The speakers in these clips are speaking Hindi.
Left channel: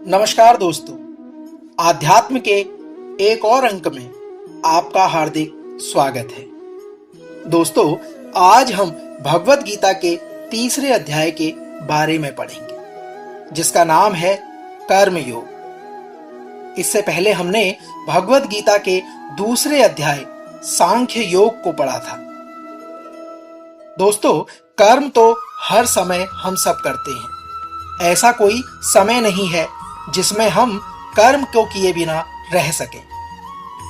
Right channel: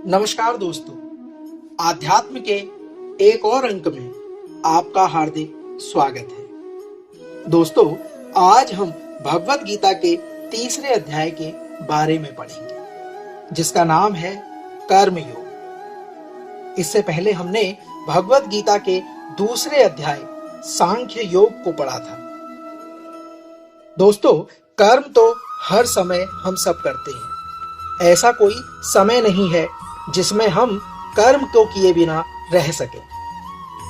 नमस्कार दोस्तों, आध्यात्म के एक और अंक में आपका हार्दिक स्वागत है। दोस्तों, आज हम भगवत गीता के तीसरे अध्याय के बारे में पढ़ेंगे, जिसका नाम है कर्म योग। इससे पहले हमने भगवत गीता के दूसरे अध्याय सांख्य योग को पढ़ा था। दोस्तों, कर्म तो हर समय हम सब करते हैं। ऐसा कोई समय नहीं है जिसमें हम कर्म को किए बिना रह सके।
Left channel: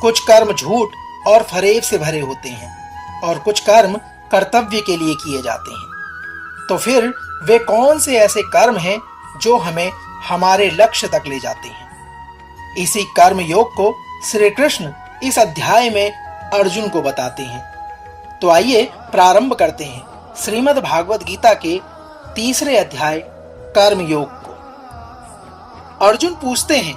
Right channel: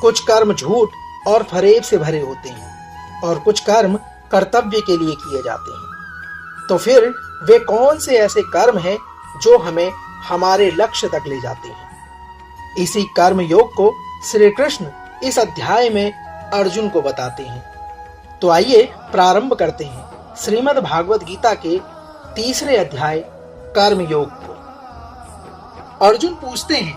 कुछ कर्म झूठ और फरेब से भरे होते हैं और कुछ कर्म कर्तव्य के लिए किए जाते हैं। तो फिर वे कौन से ऐसे कर्म हैं जो हमें हमारे लक्ष्य तक ले जाते हैं? इसी कर्म योग को श्री कृष्ण इस अध्याय में अर्जुन को बताते हैं। तो आइए प्रारंभ करते हैं श्रीमद् भागवत गीता के तीसरे अध्याय कर्म योग को। अर्जुन पूछते हैं,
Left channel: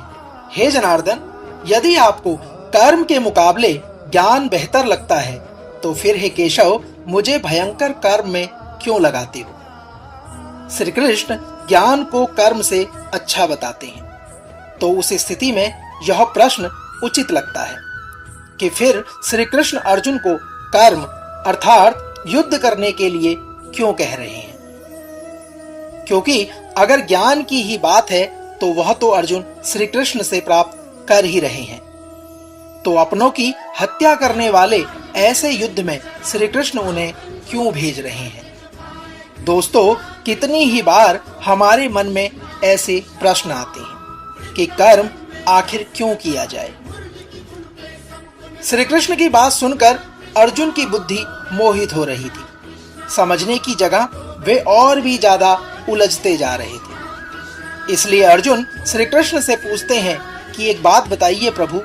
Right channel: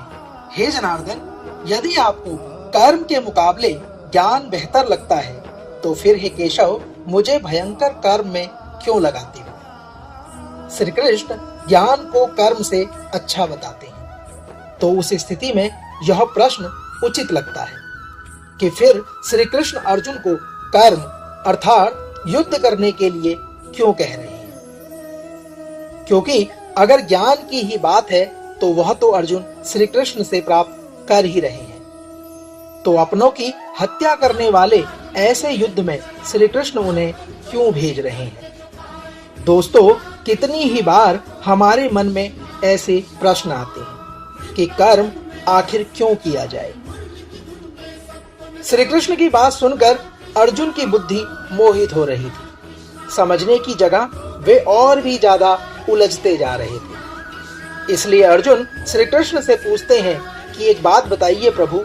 हे जनार्दन, यदि आपको कर्म के मुकाबले ज्ञान बेहतर लगता है तो फिर हे केशव, मुझे भयंकर कर्म में क्यों लगाते हो? श्री कृष्ण ज्ञान को कर्म से अच्छा बताते हैं। तो उस स्थिति में यह प्रश्न उचित लगता है कि फिर श्री कृष्ण अर्जुन को कर्म अर्थात युद्ध करने के लिए क्यों कह रहे हैं? क्योंकि अगर ज्ञान की ही बात है तो वह तो अर्जुन श्री कृष्ण से प्राप्त कर ही रहे हैं। तो अपनों की हत्या करने वाले ऐसे युद्ध में श्री कृष्ण उन्हें क्यों भेज रहे हैं? दोस्तों, कितनी ही बार हमारे मन में ऐसे प्रश्न आते हैं कि कर्म आखिर क्यों किया जाए। श्री कृष्ण की बात सुनकर अर्जुन की बुद्धि मोहित हो रही थी। समझने की जगह वे और भी ज्यादा उलझते जा रहे थे। इसलिए अर्जुन श्री कृष्ण से पूछते हैं कि एक बात बताइए प्रभु,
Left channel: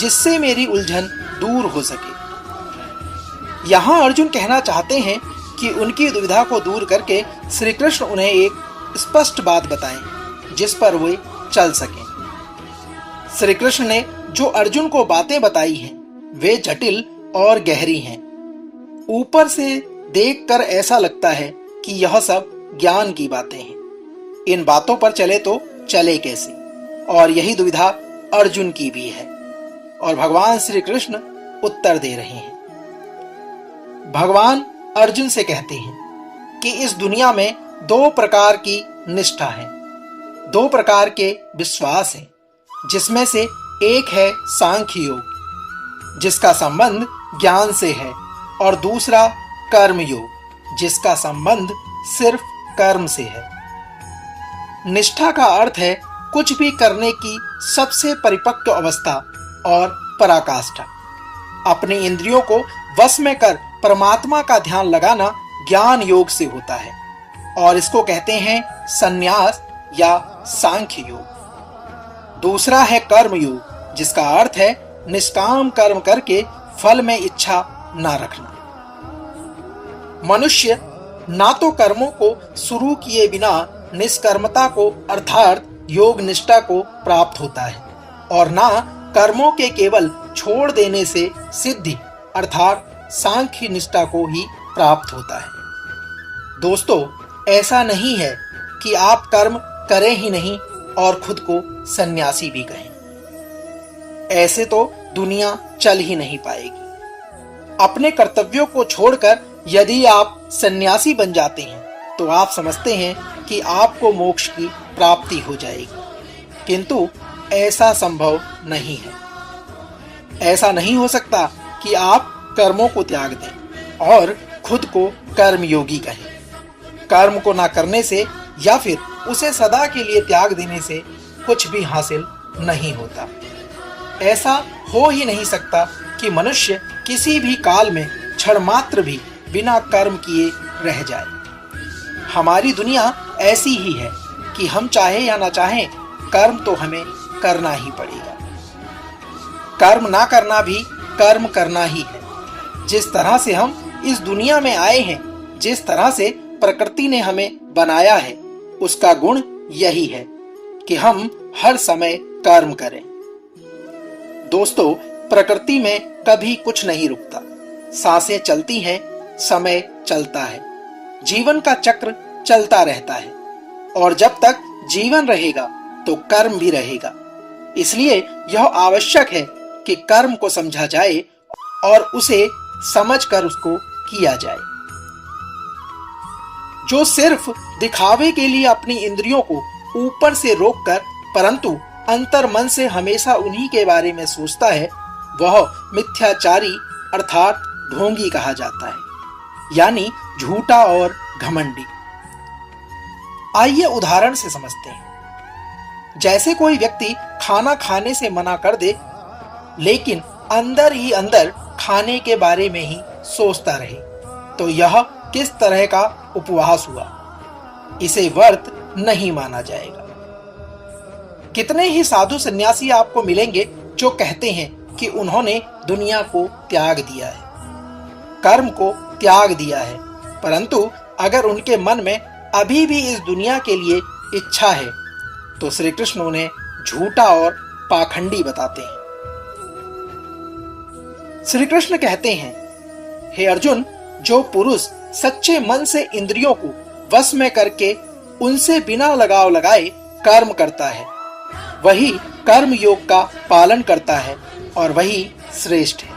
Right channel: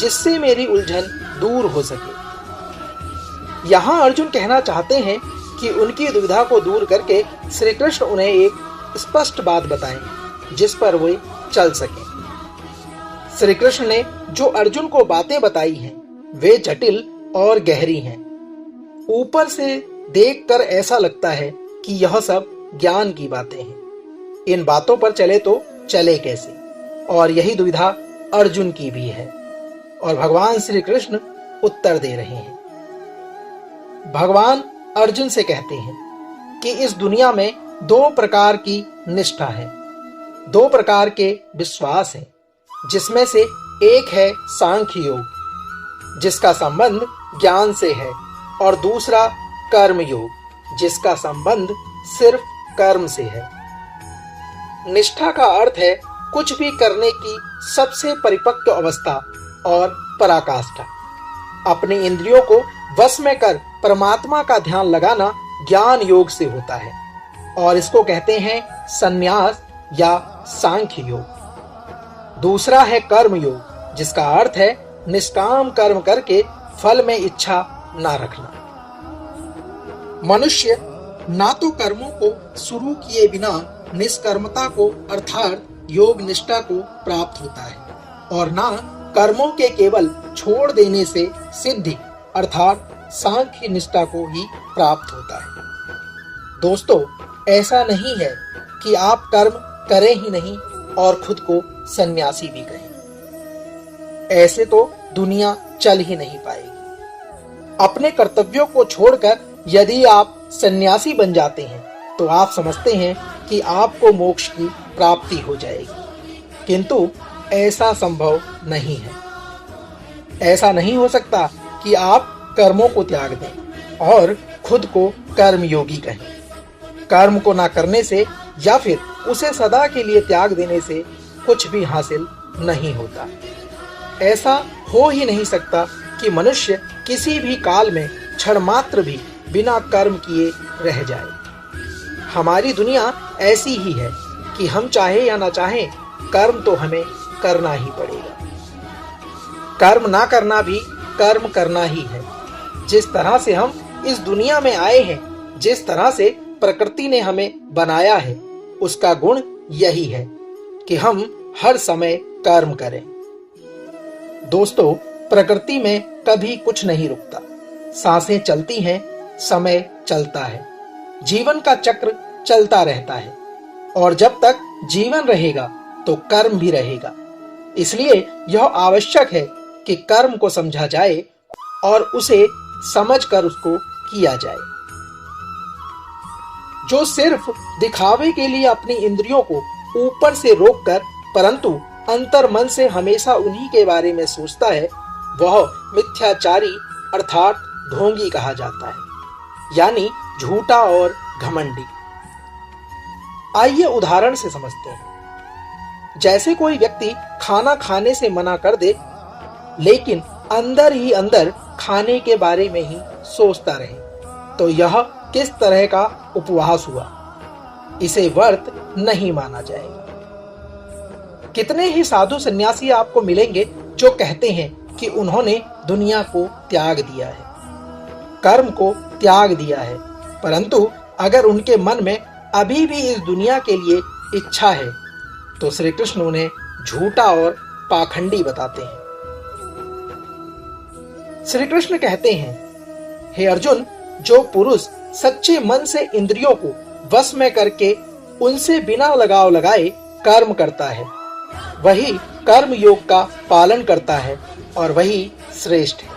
जिससे मेरी उलझन दूर हो सके। यहाँ अर्जुन कहना चाहते हैं कि उनकी दुविधा को दूर करके श्री कृष्ण उन्हें एक स्पष्ट बात बताएं जिस पर वे चल सके। श्री कृष्ण ने जो अर्जुन को बातें बताई हैं वे जटिल और गहरी हैं। ऊपर से देखकर ऐसा लगता है कि यह सब ज्ञान की बातें हैं। इन बातों पर चले तो चले कैसे? और यही दुविधा अर्जुन की भी है। और भगवान श्री कृष्ण उत्तर दे रहे हैं। भगवान अर्जुन से कहते हैं कि इस दुनिया में दो प्रकार की निष्ठा है, दो प्रकार के विश्वास हैं, जिसमें से एक है सांख्य योग, जिसका संबंध ज्ञान से है, और दूसरा कर्म योग, जिसका संबंध सिर्फ कर्म से है। निष्ठा का अर्थ है कुछ भी करने की सबसे परिपक्व अवस्था और पराकाष्ठा। अपनी इंद्रियों को वश में कर परमात्मा का ध्यान लगाना ज्ञान योग से होता है और इसको कहते हैं संन्यास या सांख्य योग। दूसरा है कर्म योग, जिसका अर्थ है निष्काम कर्म करके फल में इच्छा ना रखना। मनुष्य ना तो कर्मों को शुरू किए बिना निष्कर्मता को अर्थात योग निष्ठा को प्राप्त होता है और ना कर्मों के केवल छोड़ देने से सिद्धि अर्थात सांख्य निष्ठा को ही प्राप्त होता है। दोस्तों, ऐसा नहीं है कि आप कर्म करें ही नहीं और खुद को सन्यासी भी कहें। ऐसे तो दुनिया चल ही नहीं पाएगी। अपने कर्तव्यों को छोड़कर यदि आप सन्यासी बन जाते हैं तो आप समझते हैं कि आपको मोक्ष की प्राप्ति हो जाएगी, किंतु ऐसा संभव नहीं है। ऐसा नहीं हो सकता कि आप कर्मों को त्याग दें और खुद को कर्मयोगी कहें। कर्म को ना करने से या फिर उसे सदा के लिए त्याग देने से कुछ भी हासिल नहीं होता। ऐसा हो ही नहीं सकता कि मनुष्य किसी भी काल में क्षण मात्र भी बिना कर्म किए रह जाए। हमारी दुनिया ऐसी ही है कि हम चाहे या ना चाहें कर्म तो हमें करना ही पड़ेगा। कर्म ना करना भी कर्म करना ही है। जिस तरह से हम इस दुनिया में आए हैं, जिस तरह से प्रकृति ने हमें बनाया है, उसका गुण यही है कि हम हर समय कर्म करें। दोस्तों, प्रकृति में कभी कुछ नहीं रुकता। सांसें चलती हैं, समय चलता है, जीवन का चक्र चलता रहता है और जब तक जीवन रहेगा तो कर्म भी रहेगा। इसलिए यह आवश्यक है कि कर्म को समझा जाए और उसे समझकर उसको किया जाए। जो सिर्फ दिखावे के लिए अपनी इंद्रियों को ऊपर से रोककर परंतु अंतर मन से हमेशा उन्हीं के बारे में सोचता है, वह मिथ्याचारी अर्थात ढोंगी कहा जाता है, यानी झूठा और घमंडी। आइए उदाहरण से समझते हैं। जैसे कोई व्यक्ति खाना खाने से मना कर दे, लेकिन अंदर ही अंदर खाने के बारे में ही सोचता रहे, तो यह किस तरह का उपवास हुआ? इसे व्रत नहीं माना जाएगा। कितने ही साधु सन्यासी आपको मिलेंगे जो कहते हैं कि उन्होंने दुनिया को त्याग दिया है, कर्म को त्याग दिया है, परंतु अगर उनके मन में अभी भी इस दुनिया के लिए इच्छा है तो श्री कृष्ण उन्हें झूठा और पाखंडी बताते हैं। श्री कृष्ण कहते हैं, हे अर्जुन, जो पुरुष सच्चे मन से इंद्रियों को वश में करके उनसे बिना लगाव लगाए कर्म करता है, वही कर्म योग का पालन करता है और वही श्रेष्ठ है।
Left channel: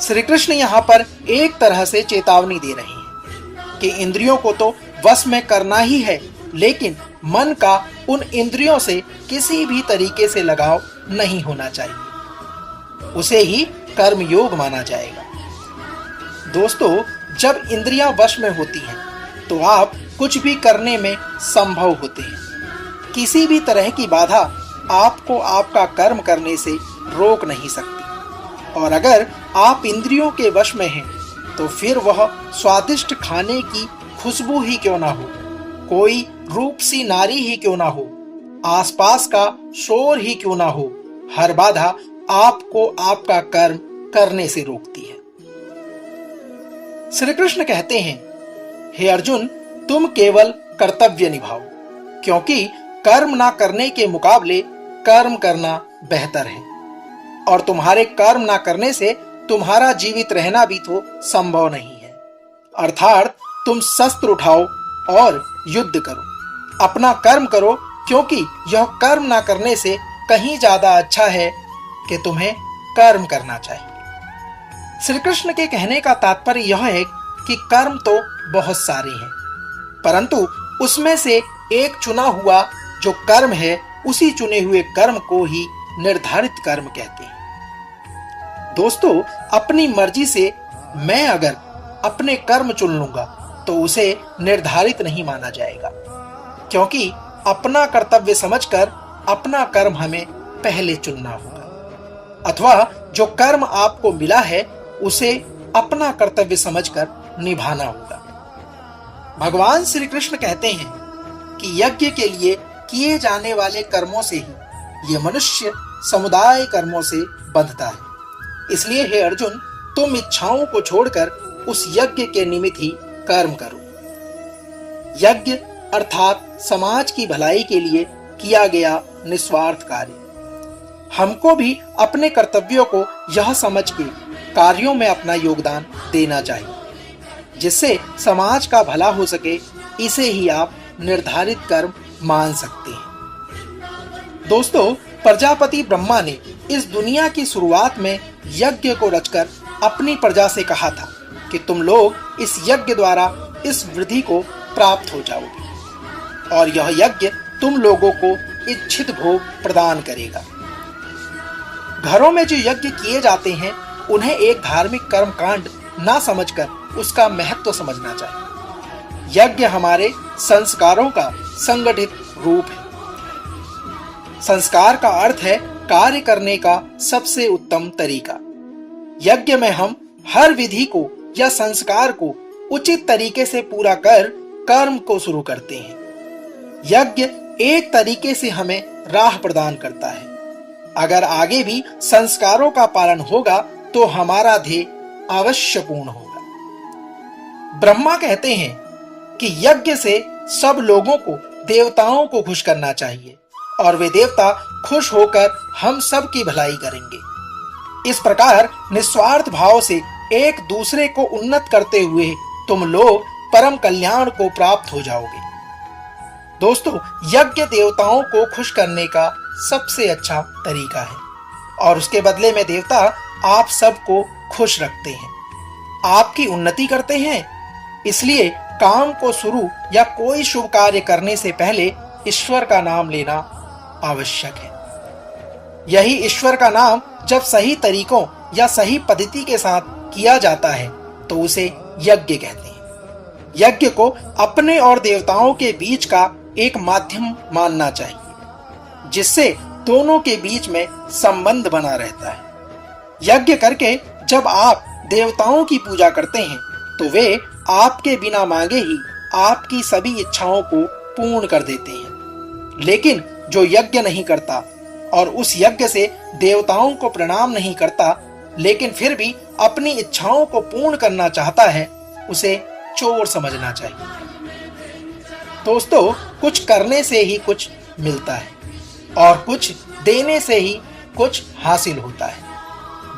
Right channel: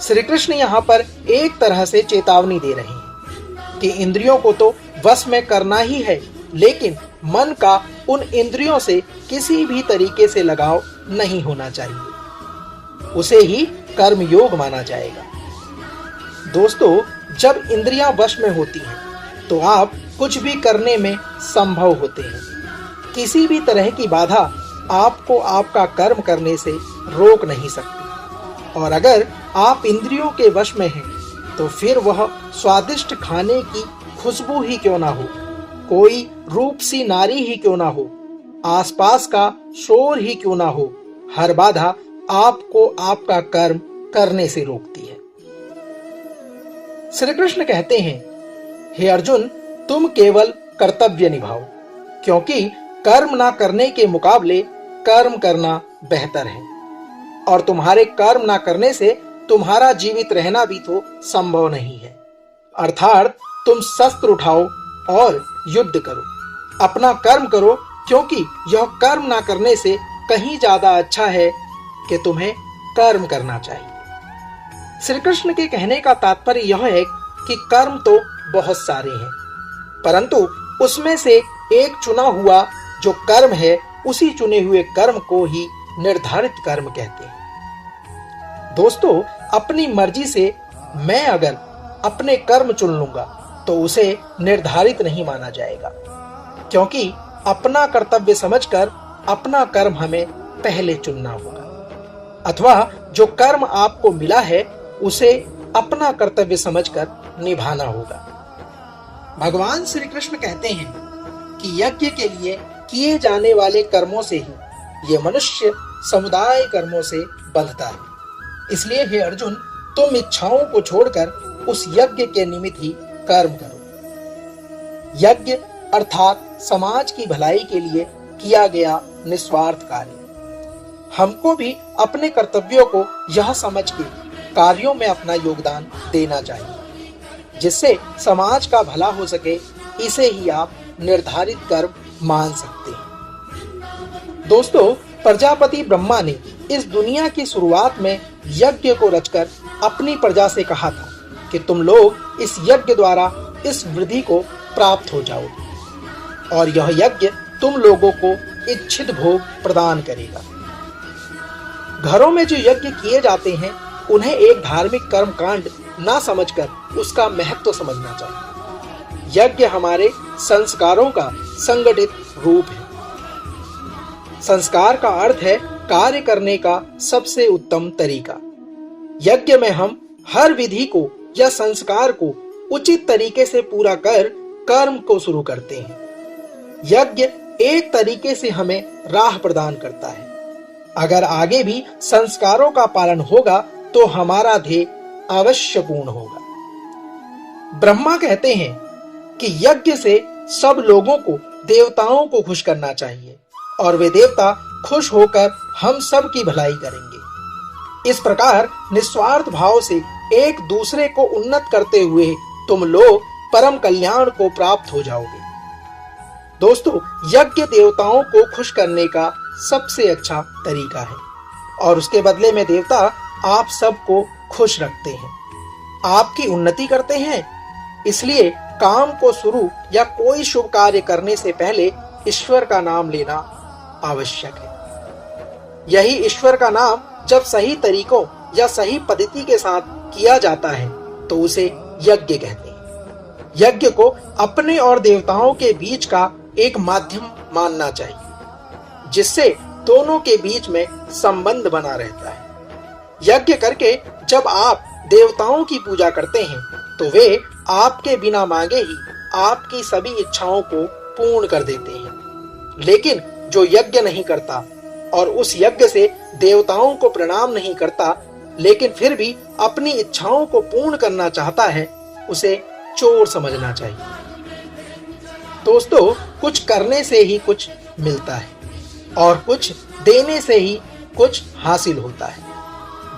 श्री कृष्ण यहाँ पर एक तरह से चेतावनी दे रहे हैं कि इंद्रियों को तो वश में करना ही है, लेकिन मन का उन इंद्रियों से किसी भी तरीके से लगाव नहीं होना चाहिए, उसे ही कर्म योग माना जाएगा। दोस्तों, जब इंद्रियां वश में होती हैं तो आप कुछ भी करने में संभव होते हैं। किसी भी तरह की बाधा आपको आपका कर्म करने से रोक नहीं सकती, और अगर आप इंद्रियों के वश में हैं तो फिर वह स्वादिष्ट खाने की खुशबू ही क्यों ना हो, कोई रूप सी नारी ही क्यों ना हो, आसपास का शोर ही क्यों ना हो, हर बाधा आपको आपका कर्म करने से रोकती है। श्री कृष्ण कहते हैं, हे अर्जुन, तुम केवल कर्तव्य निभाओ, क्योंकि कर्म ना करने के मुकाबले कर्म करना बेहतर है, और तुम्हारे कर्म ना करने से तुम्हारा जीवित रहना भी तो संभव नहीं है। अर्थात तुम शस्त्र उठाओ और युद्ध करो, अपना कर्म करो, क्योंकि यह कर्म ना करने से कहीं ज्यादा अच्छा है कि तुम्हें कर्म करना चाहिए। श्री कृष्ण के कहने का तात्पर्य यह है कि कर्म तो बहुत सारे हैं, परंतु उसमें से एक चुना हुआ जो कर्म है, उसी चुने हुए कर्म को ही निर्धारित कर्म कहते हैं। दोस्तों, अपनी मर्जी से मैं अगर अपने कर्म चुन लूंगा तो उसे निर्धारित नहीं माना जाएगा, क्योंकि अपना कर्तव्य समझकर अपना कर्म हमें पहले चुनना होगा, अथवा जो कर्म आपको मिला है उसे अपना कर्तव्य समझकर निभाना होगा। भगवान श्री कृष्ण कहते हैं कि यज्ञ के लिए किए जाने वाले कर्मों से ही ये मनुष्य समुदाय कर्मों से बंधता है। इसलिए हे अर्जुन, तुम इच्छाओं को छोड़कर उस यज्ञ के निमित्त ही कर्म करो। यज्ञ अर्थात समाज की भलाई के लिए किया गया निस्वार्थ कार्य। हमको भी अपने कर्तव्यों को यह समझ के कार्यों में अपना योगदान देना चाहिए, जिससे समाज का भला हो सके। इसे ही आप निर्धारित कर्म मान सकते हैं। दोस्तों, प्रजापति ब्रह्मा ने इस दुनिया की शुरुआत में यज्ञ को रचकर अपनी प्रजा से कहा था कि तुम लोग इस यज्ञ द्वारा इस वृद्धि को प्राप्त हो जाओगे, और यह यज्ञ तुम लोगों को इच्छित भोग प्रदान करेगा। घरों में जो यज्ञ किए जाते हैं उन्हें एक धार्मिक कर्म कांड ना समझकर उसका महत्व समझना चाहिए। यज्ञ हमारे संस्कारों का संगठित रूप है। संस्कार का अर्थ है कार्य करने का सबसे उत्तम तरीका। यज्ञ में हम हर विधि को या संस्कार को उचित तरीके से पूरा कर कर्म को शुरू करते हैं। यज्ञ एक तरीके से हमें राह प्रदान करता है। अगर आगे भी संस्कारों का पालन होगा तो हमारा ध्येय अवश्य पूर्ण होगा। ब्रह्मा कहते हैं कि यज्ञ से सब लोगों को, देवताओं को खुश करना चाहिए, और वे देवता खुश होकर हम सब की भलाई करेंगे। इस प्रकार निस्वार्थ भाव से एक दूसरे को उन्नत करते हुए तुम लोग परम कल्याण को प्राप्त हो जाओगे। दोस्तों, यज्ञ देवताओं को खुश करने का सबसे अच्छा तरीका है और उसके बदले में देवता आप सबको खुश रखते हैं, आपकी उन्नति करते हैं। इसलिए काम को शुरू या कोई शुभ कार्य करने से पहले ईश्वर का नाम लेना आवश्यक है। यही ईश्वर का नाम जब सही तरीकों या सही पद्धति के साथ किया जाता है तो उसे यज्ञ कहते हैं। यज्ञ को अपने और देवताओं के बीच का एक माध्यम मानना चाहिए, जिससे दोनों के बीच में संबंध बना रहता है। यज्ञ करके जब आप देवताओं की पूजा करते हैं तो वे आपके बिना मांगे ही आपकी सभी इच्छाओं को पूर्ण कर देते हैं। लेकिन जो यज्ञ नहीं करता और उस यज्ञ से देवताओं को प्रणाम नहीं करता, लेकिन फिर भी अपनी इच्छाओं को पूर्ण करना चाहता है, उसे चोर समझना चाहिए। दोस्तों, कुछ करने से ही कुछ मिलता है और कुछ देने से ही कुछ हासिल होता है।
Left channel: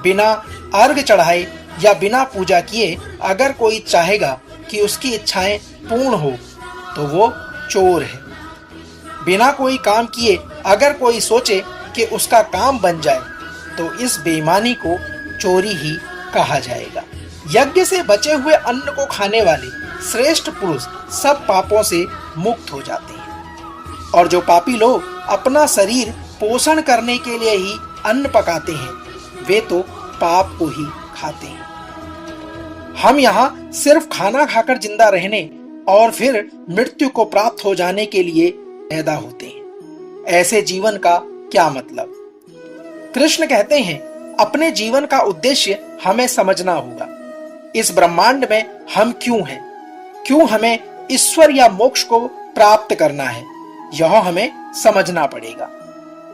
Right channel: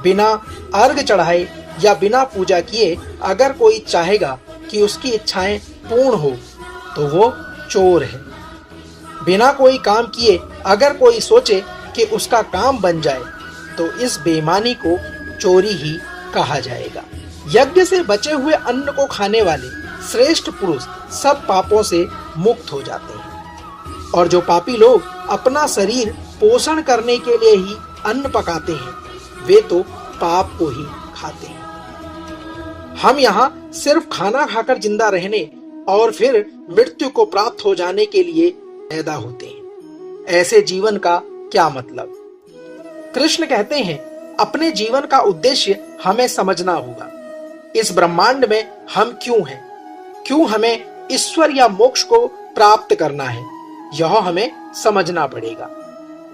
बिना अर्घ चढ़ाए या बिना पूजा किए अगर कोई चाहेगा कि उसकी इच्छाएं पूर्ण हो तो वो चोर है। बिना कोई काम किए अगर कोई सोचे कि उसका काम बन जाए तो इस बेईमानी को चोरी ही कहा जाएगा। यज्ञ से बचे हुए अन्न को खाने वाले श्रेष्ठ पुरुष सब पापों से मुक्त हो जाते हैं और जो पापी लोग अपना शरीर पोषण करने के लिए ही अन्न पकाते हैं, वे तो पाप को ही खाते हैं। हम यहाँ सिर्फ खाना खाकर जिंदा रहने और फिर मृत्यु को प्राप्त हो जाने के लिए पैदा होते हैं। ऐसे जीवन का क्या मतलब? कृष्ण कहते हैं, अपने जीवन का उद्देश्य हमें समझना होगा। इस ब्रह्मांड में हम क्यों हैं? क्यों हमें ईश्वर या मोक्ष को प्राप्त करना है, यह हमें समझना पड़ेगा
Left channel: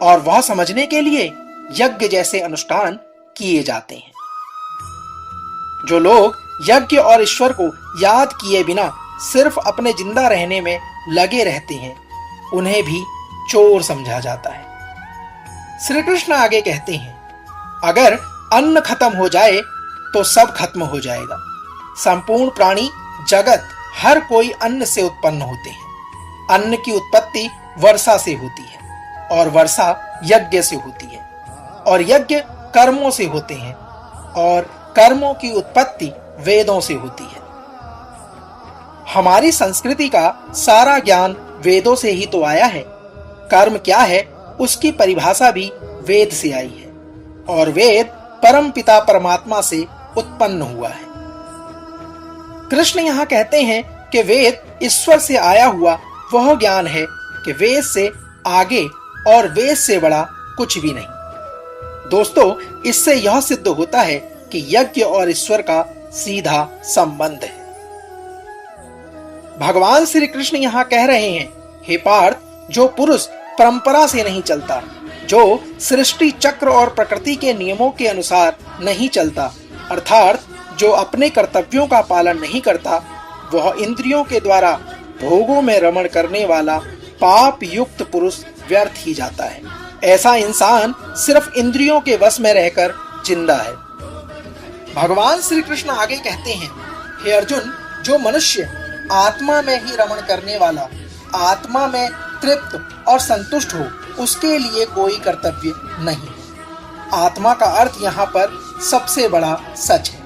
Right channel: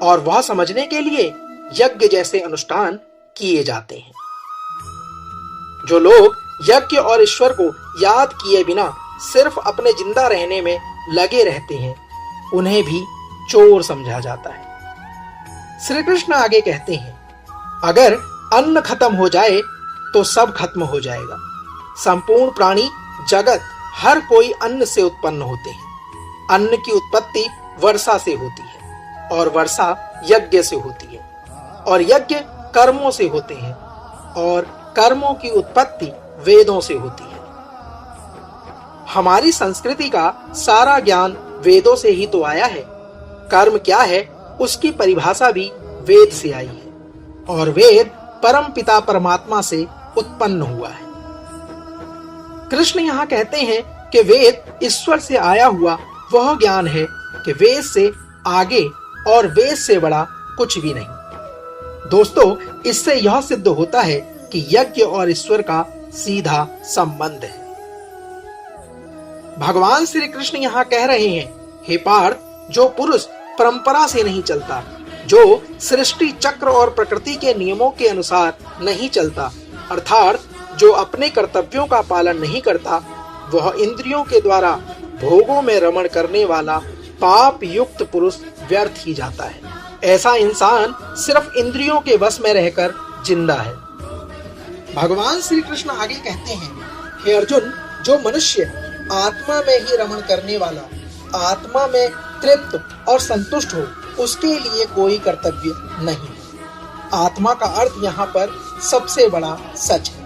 और वह समझने के लिए यज्ञ जैसे अनुष्ठान किए जाते हैं। जो लोग यज्ञ और ईश्वर को याद किए बिना सिर्फ अपने जिंदा रहने में लगे रहते हैं, उन्हें भी चोर समझा जाता है। श्री कृष्ण आगे कहते हैं, अगर अन्न खत्म हो जाए तो सब खत्म हो जाएगा। संपूर्ण प्राणी जगत हर कोई अन्न से उत्पन्न होते हैं। अन्न की उत्पत्ति वर्षा से होती है और वर्षा यज्ञ से होती है और यज्ञ कर्मों से होते हैं और कर्मों की उत्पत्ति वेदों से होती है। हमारी संस्कृति का सारा ज्ञान वेदों से ही तो आया है। कर्म क्या है उसकी परिभाषा भी वेद से आई है और वेद परम पिता परमात्मा से उत्पन्न हुआ है। कृष्ण यहाँ कहते हैं कि वेद ईश्वर से आया हुआ वह ज्ञान है कि वेद से आगे और वेद से बड़ा कुछ भी नहीं। दोस्तों, इससे यह सिद्ध होता है कि यज्ञ और ईश्वर का सीधा संबंध है। भगवान श्री कृष्ण यहाँ कह रहे हैं, हे पार्थ, जो पुरुष परंपरा से नहीं चलता, जो सृष्टि चक्र और प्रकृति के नियमों के अनुसार नहीं चलता, अर्थात जो अपने कर्तव्यों का पालन नहीं करता, वह इंद्रियों के द्वारा भोगों में रमण करने वाला पाप युक्त पुरुष व्यर्थ ही जाता है। ऐसा इंसान सिर्फ इंद्रियों के वश में रहकर जिंदा है। भगवान श्री कृष्ण आगे कहते हैं, हे अर्जुन, जो मनुष्य आत्मा में ही रमण करने वाला, आत्मा में तृप्त और संतुष्ट हो, उसके लिए कोई कर्तव्य नहीं। आत्मा का अर्थ यहाँ पर सबसे बड़ा सच है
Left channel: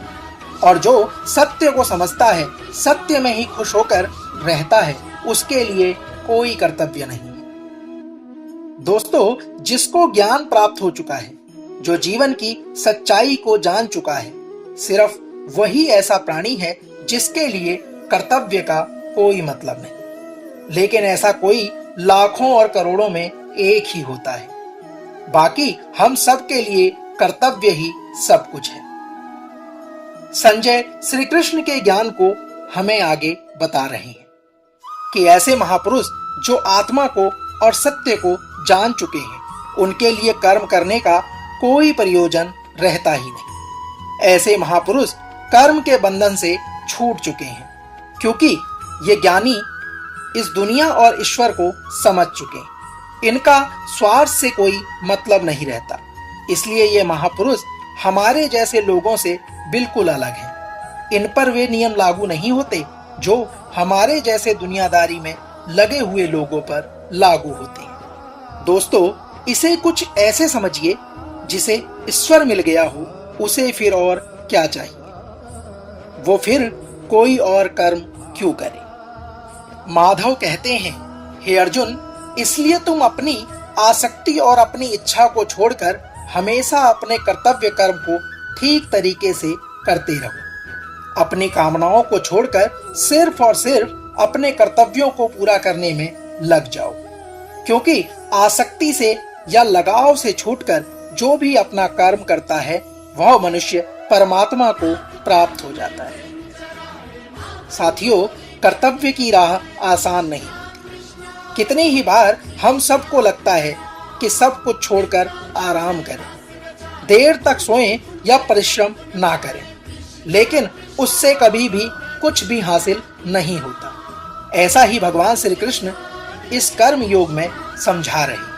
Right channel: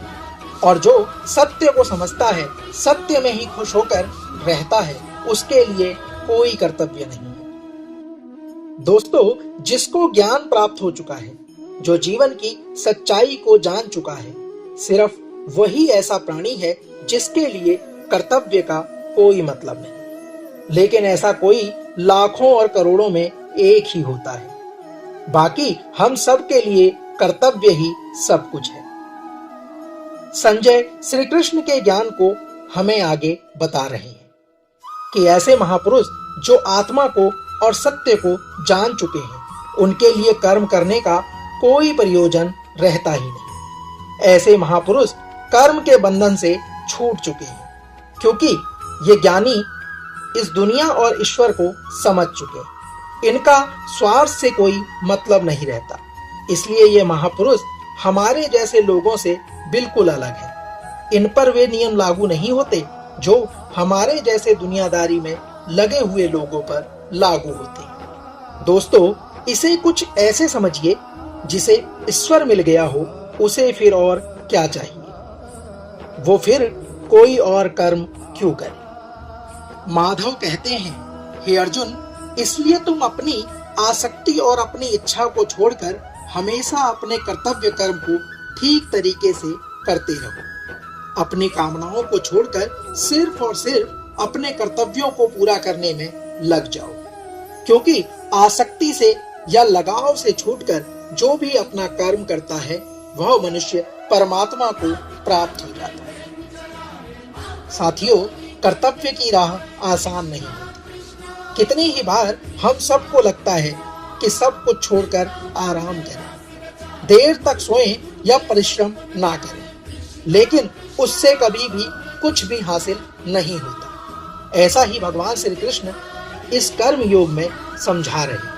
और जो सत्य को समझता है, सत्य में ही खुश होकर रहता है, उसके लिए कोई कर्तव्य नहीं है। दोस्तों, जिसको ज्ञान प्राप्त हो चुका है, जो जीवन की सच्चाई को जान चुका है, सिर्फ वही ऐसा प्राणी है जिसके लिए कर्तव्य का कोई मतलब नहीं। लेकिन ऐसा कोई लाखों और करोड़ों में एक ही होता है। बाकी हम सब के लिए कर्तव्य ही सब कुछ है। संजय श्री कृष्ण के ज्ञान को हमें आगे बता रहे हैं कि ऐसे महापुरुष जो आत्मा को और सत्य को जान चुके हैं, उनके लिए कर्म करने का कोई प्रयोजन रहता ही नहीं। ऐसे महापुरुष कर्म के बंधन से छूट चुके हैं, क्योंकि ये ज्ञानी इस दुनिया और ईश्वर को समझ चुके हैं। इनका स्वार्थ से कोई मतलब नहीं रहता। इसलिए ये महापुरुष हमारे जैसे लोगों से बिल्कुल अलग हैं। इन पर वे नियम लागू नहीं होते जो हमारे जैसे दुनियादारी में लगे हुए लोगों पर लागू होते हैं। दोस्तों, इसे कुछ ऐसे समझिए, जिसे ईश्वर मिल गया हो उसे फिर और क्या चाहिए, वो फिर कोई और कर्म क्यों करे। माधव कहते हैं, हे अर्जुन, इसलिए तुम अपनी आसक्ति और अपनी इच्छा को छोड़कर हमेशा अपने कर्तव्य कर्म को ठीक तरीके से करते रहो। अपनी कामनाओं को छोड़कर सिर्फ और सिर्फ अपने कर्तव्यों को पूरा करने में लग जाओ, क्योंकि आसक्ति से या लगाव से छूटकर जो भी अपना कर्म करता है वह मनुष्य परमात्मा को प्राप्त हो जाता है। साथियों, कर्तव्य की राह आसान नहीं होती। कितनी ही बार हम सबको लगता है कि सब कुछ छोड़कर आराम करें, देर तक सोएं या परिश्रम ना करें, लेकिन उससे कभी भी कुछ भी हासिल नहीं होता। ऐसा ही भगवान श्री कृष्ण इस कर्म योग में समझा रहे हैं।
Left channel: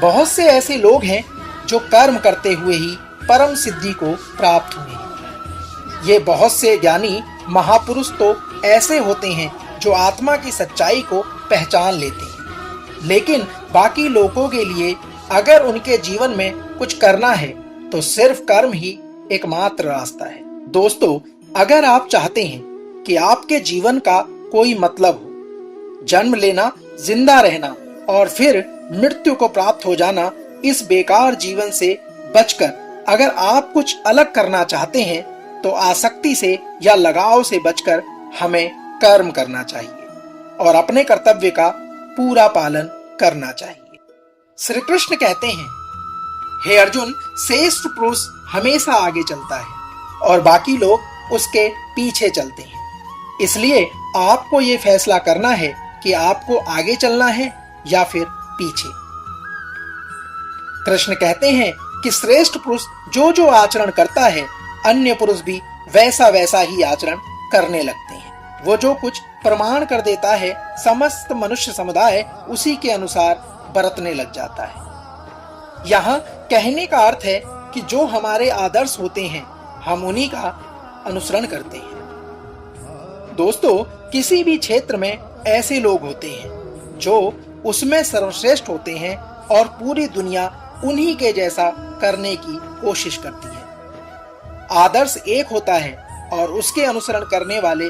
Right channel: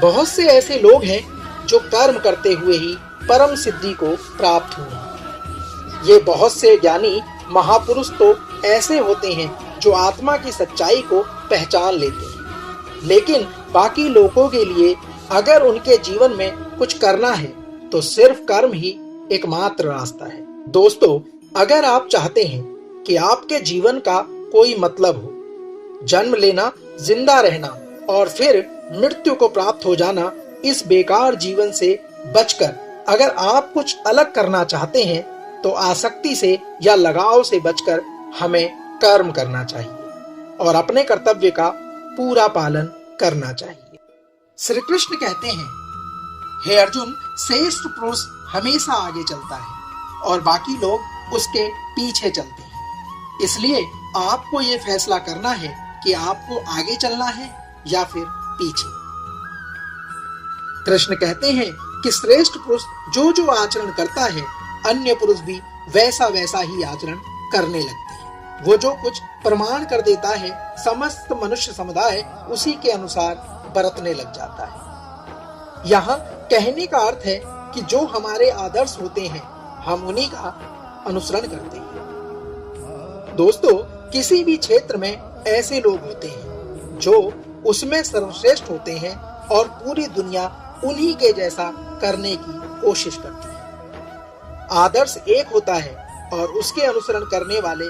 बहुत से ऐसे लोग हैं जो कर्म करते हुए ही परम सिद्धि को प्राप्त हुए हैं। ये बहुत से ज्ञानी महापुरुष तो ऐसे होते हैं जो आत्मा की सच्चाई को पहचान लेते हैं, लेकिन बाकी लोगों के लिए अगर उनके जीवन में कुछ करना है तो सिर्फ कर्म ही एकमात्र रास्ता है। दोस्तों, अगर आप चाहते हैं कि आपके जीवन का कोई मतलब हो, जन्म लेना, जिंदा रहना और फिर मृत्यु को प्राप्त हो जाना, इस बेकार जीवन से बचकर अगर आप कुछ अलग करना चाहते हैं तो आसक्ति से या लगाव से बचकर हमें कर्म करना चाहिए और अपने कर्तव्य का पूरा पालन करना चाहिए। श्री कृष्ण कहते हैं, हे अर्जुन, श्रेष्ठ पुरुष हमेशा आगे चलता है और बाकी लोग उसके पीछे चलते हैं। इसलिए आपको ये फैसला करना है कि आपको आगे चलना है या फिर पीछे। कृष्ण कहते हैं कि श्रेष्ठ पुरुष जो जो आचरण करता है, अन्य पुरुष भी वैसा वैसा ही आचरण करने लगते हैं। वो जो कुछ प्रमाण कर देता है, समस्त मनुष्य समुदाय उसी के अनुसार बरतने लग जाता है। यहाँ कहने का अर्थ है कि जो हमारे आदर्श होते हैं, हम उन्हीं का अनुसरण करते हैं। दोस्तों, किसी भी क्षेत्र में ऐसे लोग होते हैं जो उसमें सर्वश्रेष्ठ होते हैं और पूरी दुनिया उन्हीं के जैसा करने की कोशिश करती है। आदर्श एक होता है और उसके अनुसरण करने वाले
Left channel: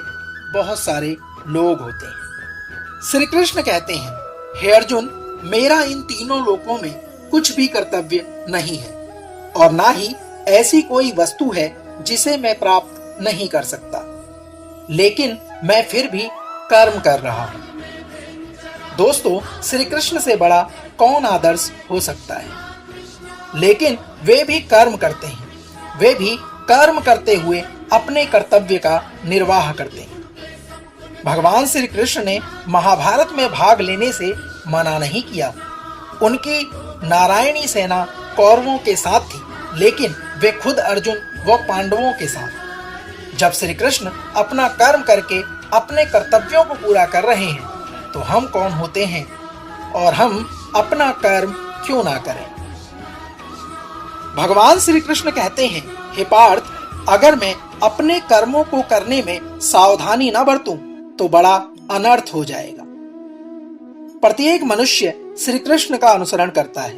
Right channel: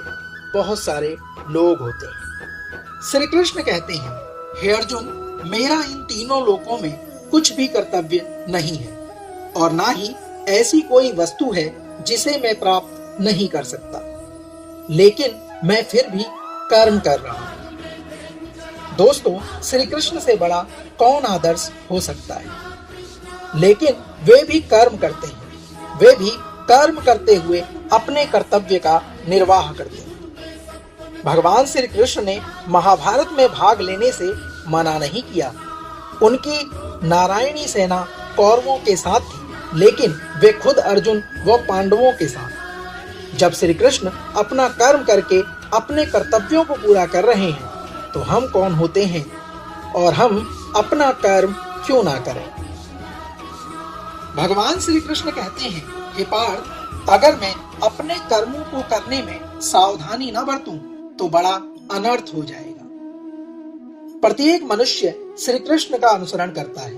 बहुत सारे लोग होते हैं। श्री कृष्ण कहते हैं, हे अर्जुन, मेरा इन तीनों लोकों में कुछ भी कर्तव्य नहीं है और ना ही ऐसी कोई वस्तु है जिसे मैं प्राप्त नहीं कर सकता, लेकिन मैं फिर भी कर्म कर रहा हूं। दोस्तों, श्री कृष्ण से बड़ा कौन आदर्श हो सकता है? लेकिन वे भी कर्म करते हैं। वे भी कर्म करते हुए अपने कर्तव्य का निर्वाह करते हैं। भगवान श्री कृष्ण ने महाभारत में भाग लेने से मना नहीं किया। उनकी नारायणी सेना कौरवों के साथ थी, लेकिन वे खुद अर्जुन व पांडवों के साथ। जब श्री कृष्ण अपना कर्म करके अपने कर्तव्यों को पूरा कर रहे हैं, तो हम कौन होते हैं और हम अपना कर्म क्यों ना करें? भगवान श्री कृष्ण कहते हैं, हे पार्थ, अगर मैं अपने कर्मों को करने में सावधानी न बरतूं तो बड़ा अनर्थ हो जाएगा। प्रत्येक मनुष्य श्री कृष्ण का अनुसरण करता है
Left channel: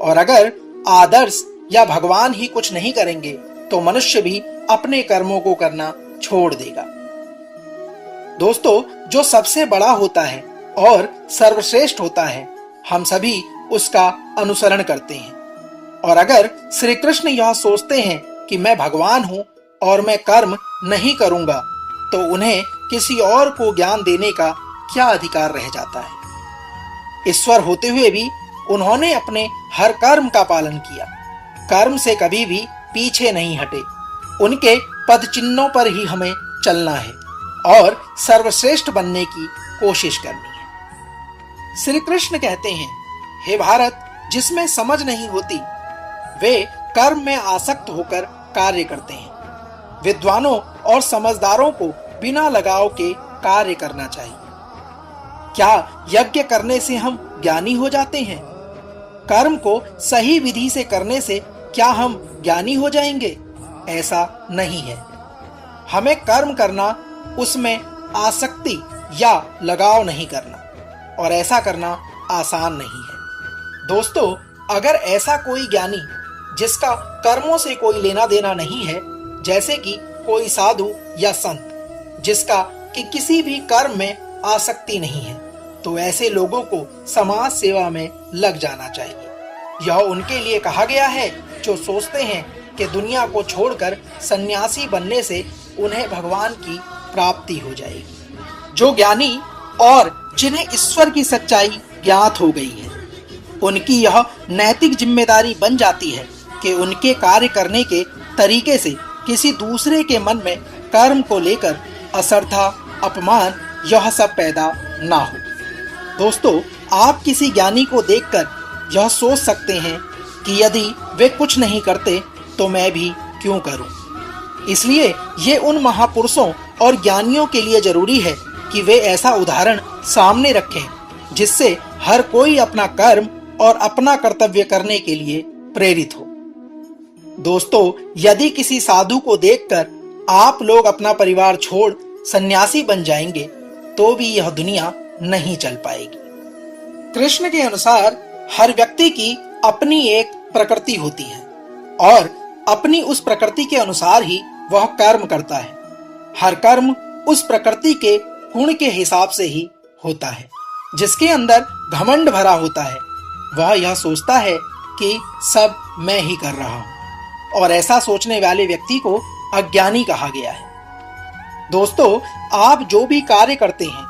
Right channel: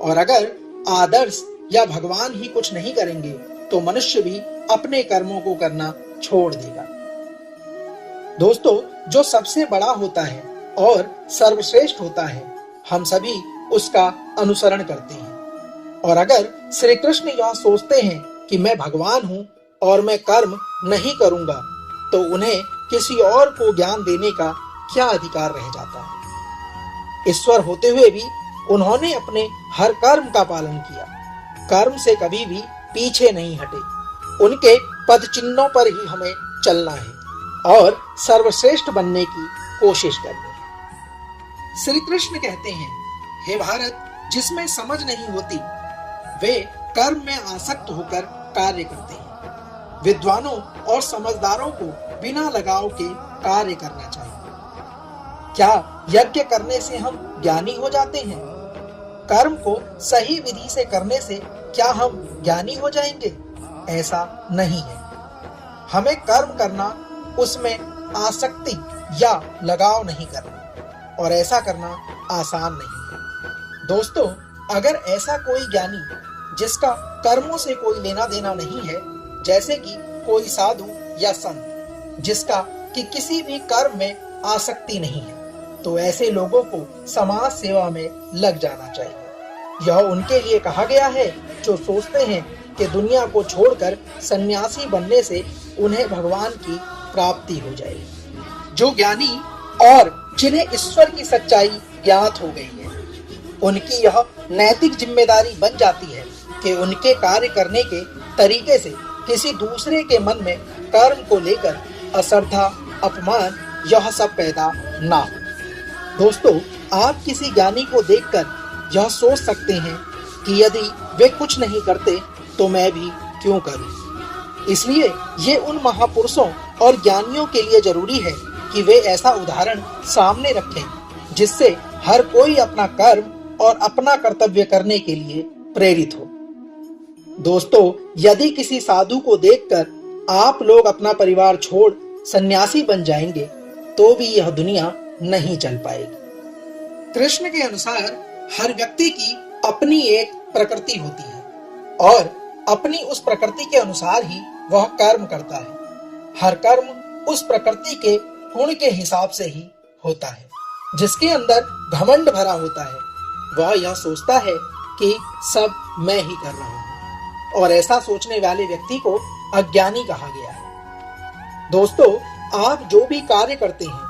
और अगर आदर्श या भगवान ही कुछ नहीं करेंगे तो मनुष्य भी अपने कर्मों को करना छोड़ देगा। दोस्तों, जो सबसे बड़ा होता है और सर्वश्रेष्ठ होता है, हम सभी उसका अनुसरण करते हैं। और अगर श्री कृष्ण यह सोचते हैं कि मैं भगवान हूं और मैं कर्म नहीं करूंगा, तो उन्हें किसी और को ज्ञान देने का क्या अधिकार रह जाता है? ईश्वर होते हुए भी उन्होंने अपने हर कर्म का पालन किया, कर्म से कभी भी पीछे नहीं हटे। उनके पद चिन्हों पर ही हमें चलना है और सर्वश्रेष्ठ बनने की कोशिश करनी है। श्री कृष्ण कहते हैं, हे भारत, जिसमें समझ नहीं होती वे कर्म में आसक्त होकर कार्य करते हैं। विद्वानों और समझदारों को बिना लगाव के कार्य करना चाहिए। क्या यज्ञ करने से हम ज्ञानी हो जाते हैं? कर्म को सही विधि से करने से क्या हम ज्ञानी हो जाएंगे? ऐसा नहीं है। हमें कर्म करना, उसमें आसक्ति या लगाव नहीं करना, और ऐसा करना आसान नहीं है। दोस्तों, अगर ऐसा कोई ज्ञानी जिसका कर्मों से कोई लेना देना नहीं है, जैसे कि कोई साधु या संत जिसका कि किसी भी कर्म में आसक्ति नहीं है, तो ऐसे लोगों को समाज सेवा में लग जाना चाहिए। यह उनके लिए कहा गया है जो सोचते हैं कि दुनिया को छोड़कर सन्यासी बनने से उन्हें भगवान की प्राप्ति हो जाएगी। जो ज्ञानी और जिन्हें ईश्वर की सच्चाई ज्ञात हो गई है, उनकी यह नैतिक जिम्मेदारी बन जाती है कि उनके कार्य करने के तरीके से किसी दूसरे के मन में कर्म को लेकर अश्रद्धा, अपमान यह सब पैदा ना हो। दोस्तों, आप किसी ज्ञानी को देखकर यह सोच सकते हैं कि यदि वे कुछ नहीं करते तो मैं भी क्यों करूं। इसलिए ये उन महापुरुषों और ज्ञानियों के लिए जरूरी है कि वे ऐसा उदाहरण सामने रखें जिससे हर कोई अपना कर्म और अपना कर्तव्य करने के लिए प्रेरित हो। दोस्तों, यदि किसी साधु को देखकर आप लोग अपना परिवार छोड़ सन्यासी बन जाएंगे तो भी यह दुनिया नहीं चल पाएगी। कृष्ण के अनुसार हर व्यक्ति की अपनी एक प्रकृति होती है और अपनी उस प्रकृति के अनुसार ही वह कर्म करता है। हर कर्म उस प्रकृति के गुण के हिसाब से ही होता है। जिसके अंदर घमंड भरा होता है वह यह सोचता है कि सब मैं ही कर रहा हूं, और ऐसा सोचने वाले व्यक्ति को अज्ञानी कहा गया है। दोस्तों, आप जो भी कार्य करते हैं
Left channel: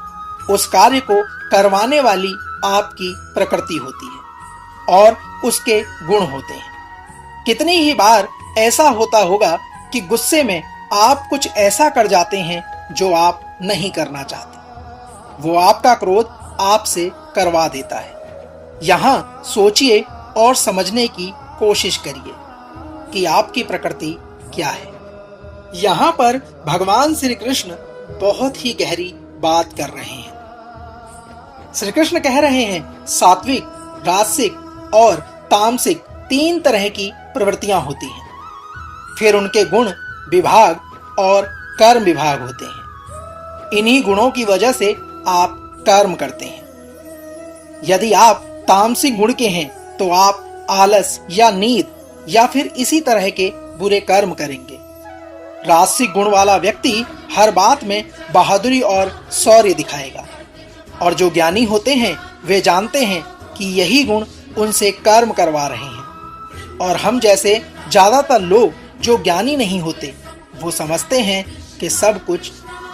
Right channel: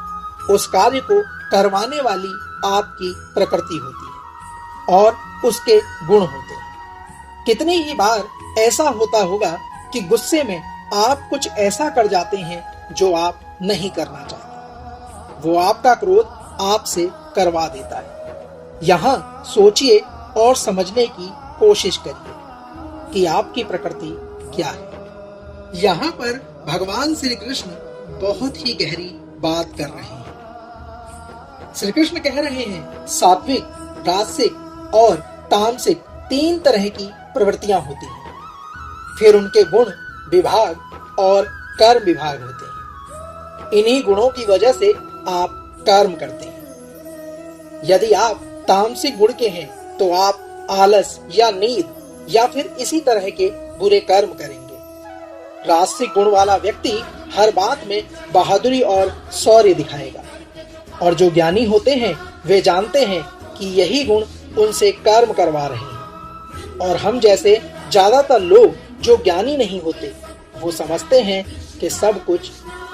उस कार्य को करवाने वाली आपकी प्रकृति होती है और उसके गुण होते हैं। कितनी ही बार ऐसा होता होगा कि गुस्से में आप कुछ ऐसा कर जाते हैं जो आप नहीं करना चाहते। वो आपका क्रोध आपसे करवा देता है। यहाँ सोचिए और समझने की कोशिश करिए कि आपकी प्रकृति क्या है। यहाँ पर भगवान श्री कृष्ण बहुत ही गहरी बात कर रहे हैं। श्री कृष्ण कह रहे हैं सात्विक, राजसिक और तामसिक 3 तरह की प्रवृत्तियां होती हैं। फिर उनके गुण विभाग और कर्म विभाग होते हैं। इन्हीं गुणों की वजह से आप कर्म करते हैं। यदि आप तामसिक गुण के हैं तो आप आलस या नींद या फिर इसी तरह के बुरे कर्म करेंगे। राजसिक गुण वाला व्यक्ति हर बात में बहादुरी और शौर्य दिखाएगा, और जो ज्ञानी होते हैं वे जानते हैं कि यही गुण उनसे कर्म करवा रहे हैं। और हम जैसे ज्यादातर लोग जो ज्ञानी नहीं होते वो समझते हैं कि सब कुछ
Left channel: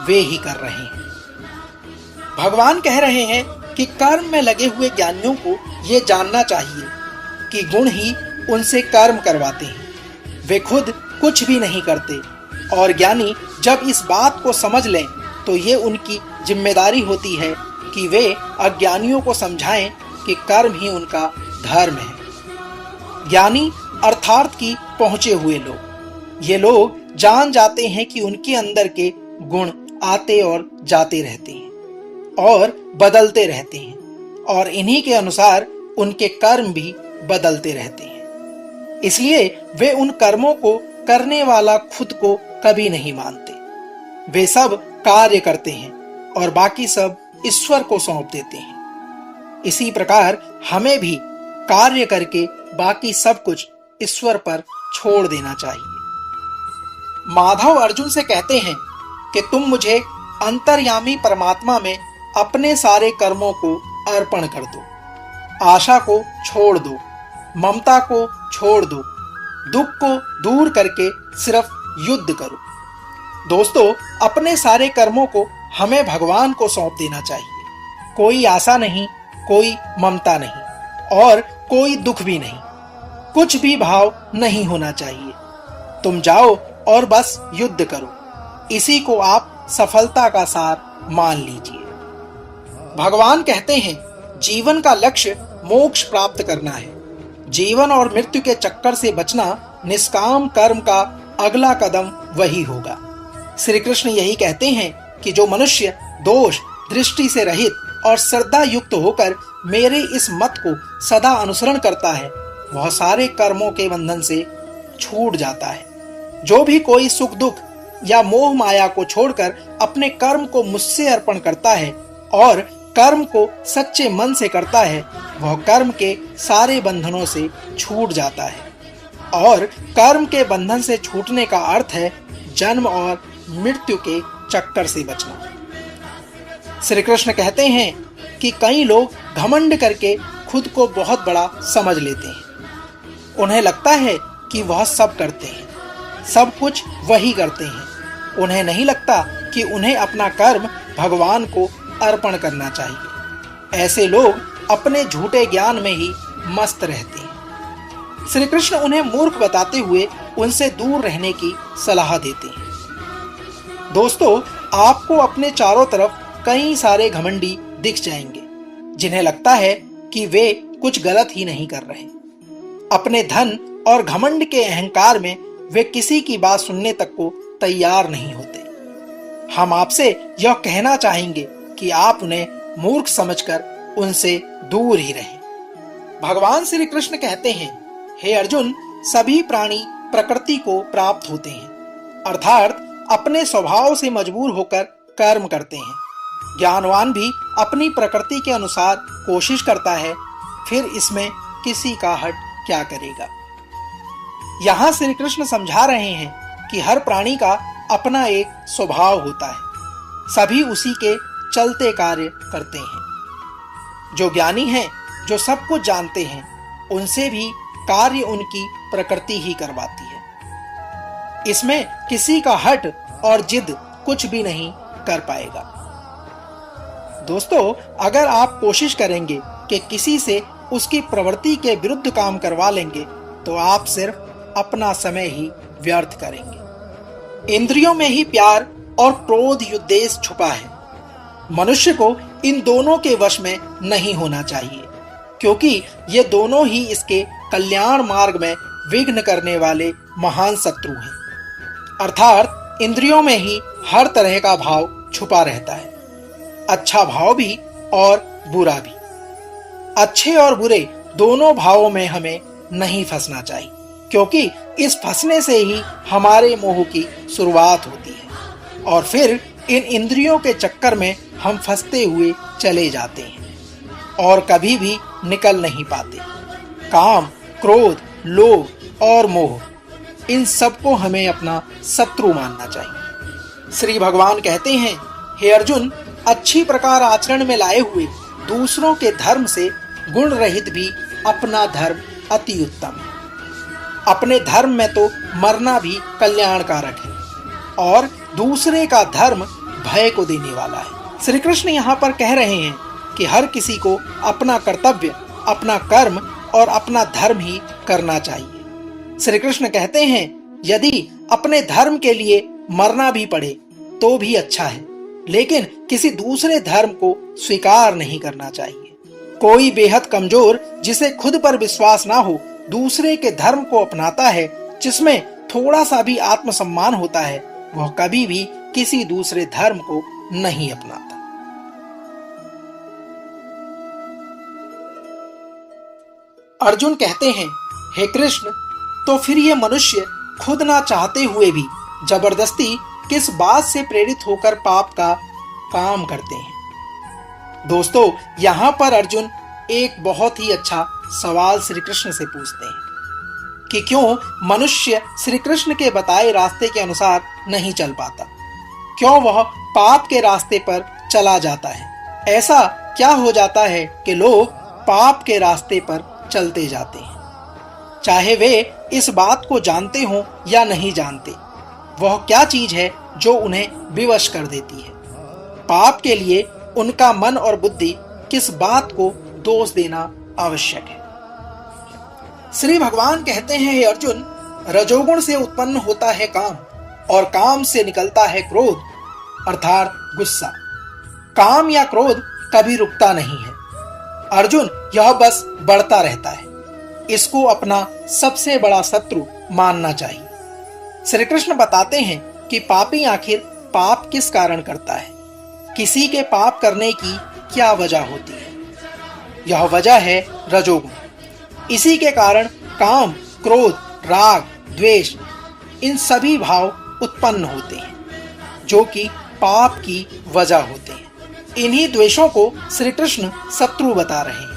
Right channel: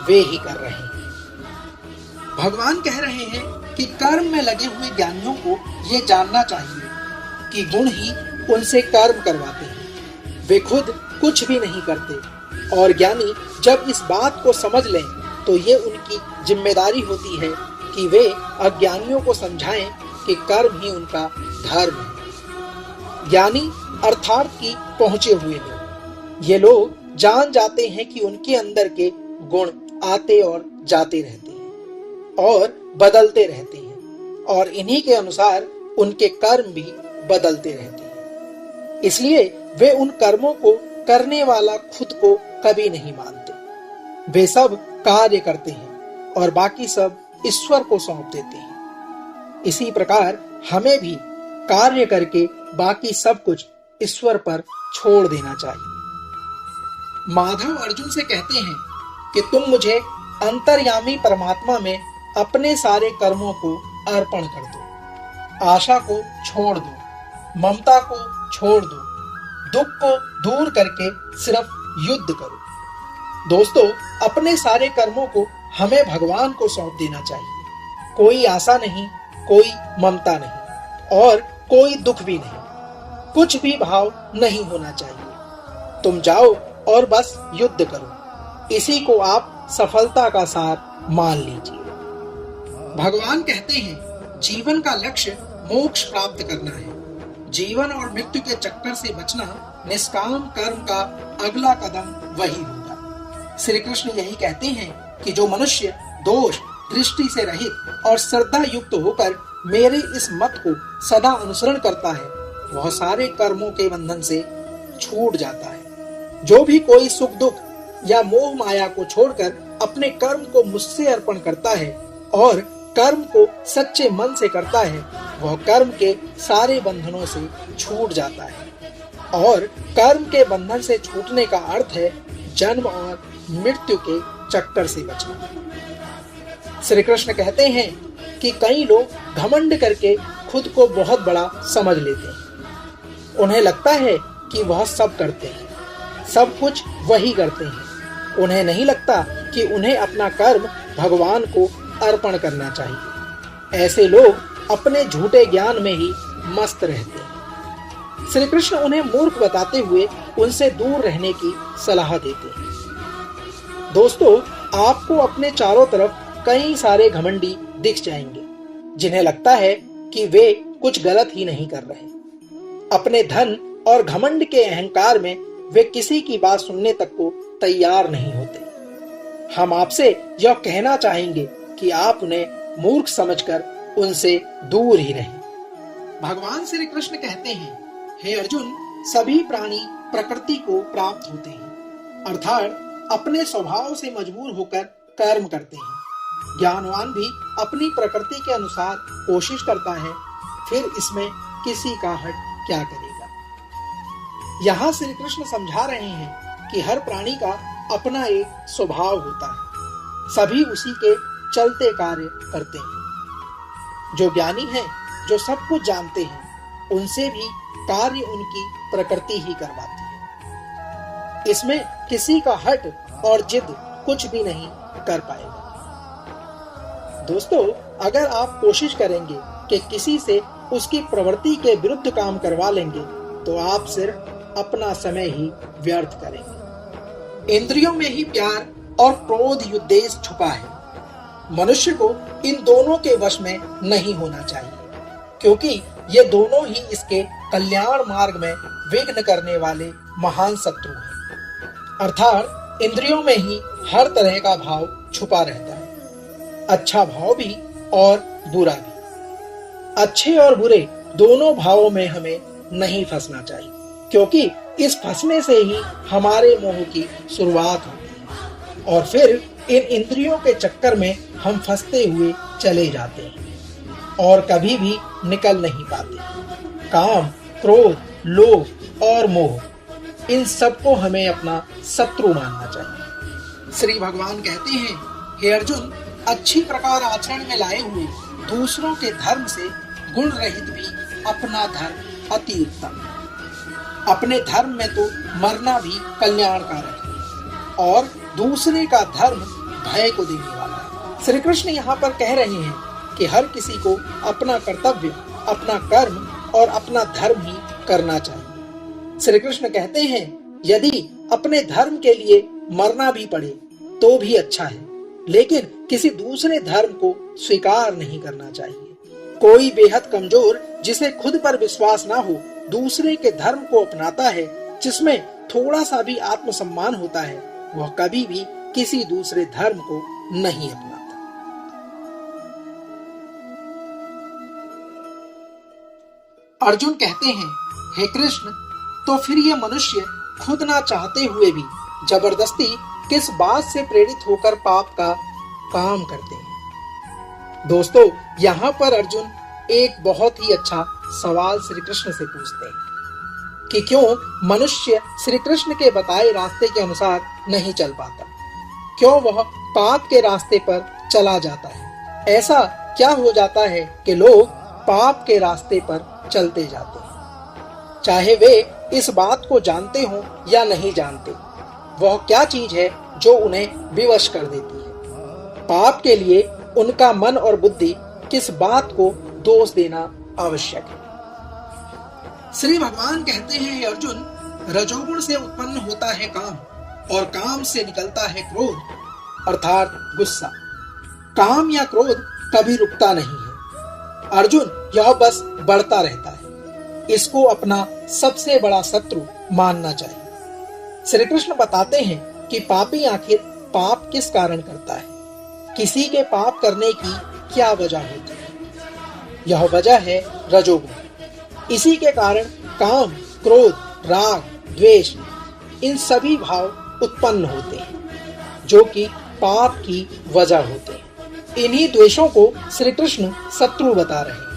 वे ही कर रहे हैं। भगवान कह रहे हैं कि कर्म में लगे हुए ज्ञानियों को ये जानना चाहिए कि गुण ही उनसे कर्म करवाते हैं। वे खुद कुछ भी नहीं करते, और ज्ञानी जब इस बात को समझ लें तो ये उनकी जिम्मेदारी होती है कि वे अज्ञानियों को समझाएं कि कर्म ही उनका धर्म है। ज्ञानी अर्थार्थ की पहुंचे हुए लोग, ये लोग जान जाते हैं कि उनके अंदर के गुण आते और जाते रहते हैं और बदलते रहते हैं, और इन्हीं के अनुसार उनके कर्म भी बदलते रहते हैं। इसलिए वे उन कर्मों को करने वाला खुद को कभी नहीं मानते। वे सब कार्य करते हैं और बाकी सब ईश्वर को सौंप देते हैं। इसी प्रकार हमें भी कार्य करके बाकी सब कुछ ईश्वर पर छोड़ देना चाहिए। माधव अर्जुन से कहते हैं कि तुम मुझे अंतर्यामी परमात्मा में अपने सारे कर्मों को अर्पण कर दो। आशा को छोड़ दो, ममता को छोड़ दो, दुख को दूर करके सिर्फ युद्ध करो। दोस्तों, अपने सारे कर्मों को हमें भगवान को सौंप देना चाहिए। कोई आशा नहीं, कोई ममता नहीं और कोई दुख भी नहीं, कुछ भी भाव नहीं होना चाहिए। तुम जाओ और बस युद्ध करो। इसी को आप सफलता का सार मान लीजिए। भगवान कहते हैं जीवन का लक्ष्य मोक्ष प्राप्त करना है। जीवन और मृत्यु के चक्कर से बचना निष्काम कर्म का अगला कदम वही होगा। श्री कृष्ण यही कहते हैं कि जो मनुष्य दोष दृष्टि से रहित और श्रद्धा युक्त होकर मेरे इस मत को सदा अनुसरण करता है वह सारे कर्मों के बंधन से छूट जाता है। जो भी कोई सुख दुख या मोह माया को छोड़कर अपने कर्म को मुझसे अर्पण करता है और कर्म को सच्चे मन से करता है, वह कर्म के सारे बंधनों से छूट जाता है। और कर्म के बंधन से छूटने का अर्थ है जन्म और मृत्यु के चक्कर से बचना। श्री कृष्ण कहते हैं कि कई लोग घमंड करके खुद को बहुत बड़ा समझ लेते हैं। उन्हें लगता है कि वह सब करते हैं, सब कुछ वही करते हैं। उन्हें नहीं लगता कि उन्हें अपना कर्म भगवान को अर्पण करना चाहिए। ऐसे लोग अपने झूठे ज्ञान में ही मस्त रहते हैं। श्री कृष्ण उन्हें मूर्ख बताते हुए उनसे दूर रहने की सलाह देते हैं। दोस्तों, आपको अपने चारों तरफ कई सारे घमंडी दिख जाएंगे जिन्हें लगता है कि वे कुछ गलत ही नहीं कर रहे। अपने धन और घमंड के अहंकार में वे किसी की बात सुनने तक को तैयार नहीं होते। हम आपसे यह कहना चाहेंगे कि आप उन्हें मूर्ख समझकर उनसे दूर ही रहें। भगवान श्री कृष्ण कहते हैं, हे अर्जुन, सभी प्राणी प्रकृति को प्राप्त होते हैं, अर्थात अपने स्वभाव से मजबूर होकर कर्म करते हैं। ज्ञानवान भी अपनी प्रकृति के अनुसार कोशिश करता है, फिर इसमें किसी का हट क्या करेगा। यहाँ श्री कृष्ण समझा रहे हैं कि हर प्राणी का अपना एक स्वभाव होता है, सभी उसी के चलते कार्य करते हैं। जो ज्ञानी हैं, जो सब कुछ जानते हैं, उनसे भी कार्य उनकी प्रकृति ही करवाती है। इसमें किसी का हट और जिद कुछ भी नहीं कर पाएगा। दोस्तों, अगर आप कोशिश करेंगे कि किसी से उसकी प्रवृत्ति के विरुद्ध काम करवा लेंगे तो आप सिर्फ अपना समय ही व्यर्थ करेंगे। इंद्रियों में ही प्यार और क्रोध युद्धेश छुपा है। मनुष्य को इन दोनों के वश में नहीं होना चाहिए, क्योंकि ये दोनों ही इसके कल्याण मार्ग में विघ्न करने वाले महान शत्रु हैं। अर्थात इंद्रियों में ही हर तरह का भाव छुपा रहता है, अच्छा भाव भी और बुरा भी। अच्छे और बुरे दोनों भावों में हमें नहीं फंसना चाहिए, क्योंकि इस फंसने से ही हमारे मोह की शुरुआत होती है और फिर इन इंद्रियों के चक्कर में हम फंसते हुए चले जाते हैं और कभी भी निकल नहीं पाते। काम, क्रोध, लोभ और मोह, इन सबको हमें अपना शत्रु मानना चाहिए। श्री भगवान कहते हैं, हे अर्जुन, अच्छी प्रकार आचरण में लाए हुए दूसरों के धर्म से गुण रहित भी अपना धर्म अति उत्तम है। अपने धर्म में तो मरना भी कल्याणकारक है और दूसरे का धर्म भय को देने वाला है। श्री कृष्ण यहाँ पर कह रहे हैं कि हर किसी को अपना कर्तव्य, अपना कर्म और अपना धर्म ही करना चाहिए। श्री कृष्ण कहते हैं, यदि अपने धर्म के लिए मरना भी पड़े तो भी अच्छा है, लेकिन किसी दूसरे धर्म को स्वीकार नहीं करना चाहिए। कोई बेहद कमजोर, जिसे खुद पर विश्वास ना हो, दूसरे के धर्म को अपनाता है, जिसमें थोड़ा सा भी आत्मसम्मान होता है, वह कभी भी किसी दूसरे धर्म को नहीं अपनाता। अर्जुन कहते हैं, हे कृष्ण, तो फिर ये मनुष्य खुद ना चाहते हुए भी जबरदस्ती किस बात से प्रेरित होकर पाप का काम करते हैं। दोस्तों, यहाँ पर अर्जुन एक बहुत ही अच्छा सवाल श्री कृष्ण से पूछते हैं कि क्यों मनुष्य श्री कृष्ण के बताए रास्ते के अनुसार नहीं चल पाता, क्यों वह पाप के रास्ते पर चला जाता है। ऐसा क्या हो जाता है कि लोग पाप के रास्ते पर चलते जाते हैं, चाहे वे इस बात को जानते हों या नहीं जानते। वह क्या चीज है जो उन्हें विवश कर देती है। पाप के लिए उनका मन और बुद्धि किस बात को दोष देना आवश्यक है। श्री भगवान कहते हैं, हे अर्जुन, रजोगुण से उत्पन्न होता है काम और काम से निकलता है क्रोध, अर्थात गुस्सा। काम या क्रोध कभी रुकता नहीं है अर्जुन, यह बस बढ़ता रहता है। इसको अपना सबसे बड़ा शत्रु मानना चाहिए। श्री कृष्ण बताते हैं कि पापी आखिर पाप किस कारण करता है, किसी के पाप करने की क्या वजह होती है। यह वजह है रजोगुण। इसी के कारण काम, क्रोध, राग, द्वेष, इन सभी भाव उत्पन्न होते हैं, जो कि पाप की वजह होते हैं। इन्हीं द्वेषों को श्री कृष्ण शत्रु बता रहे हैं।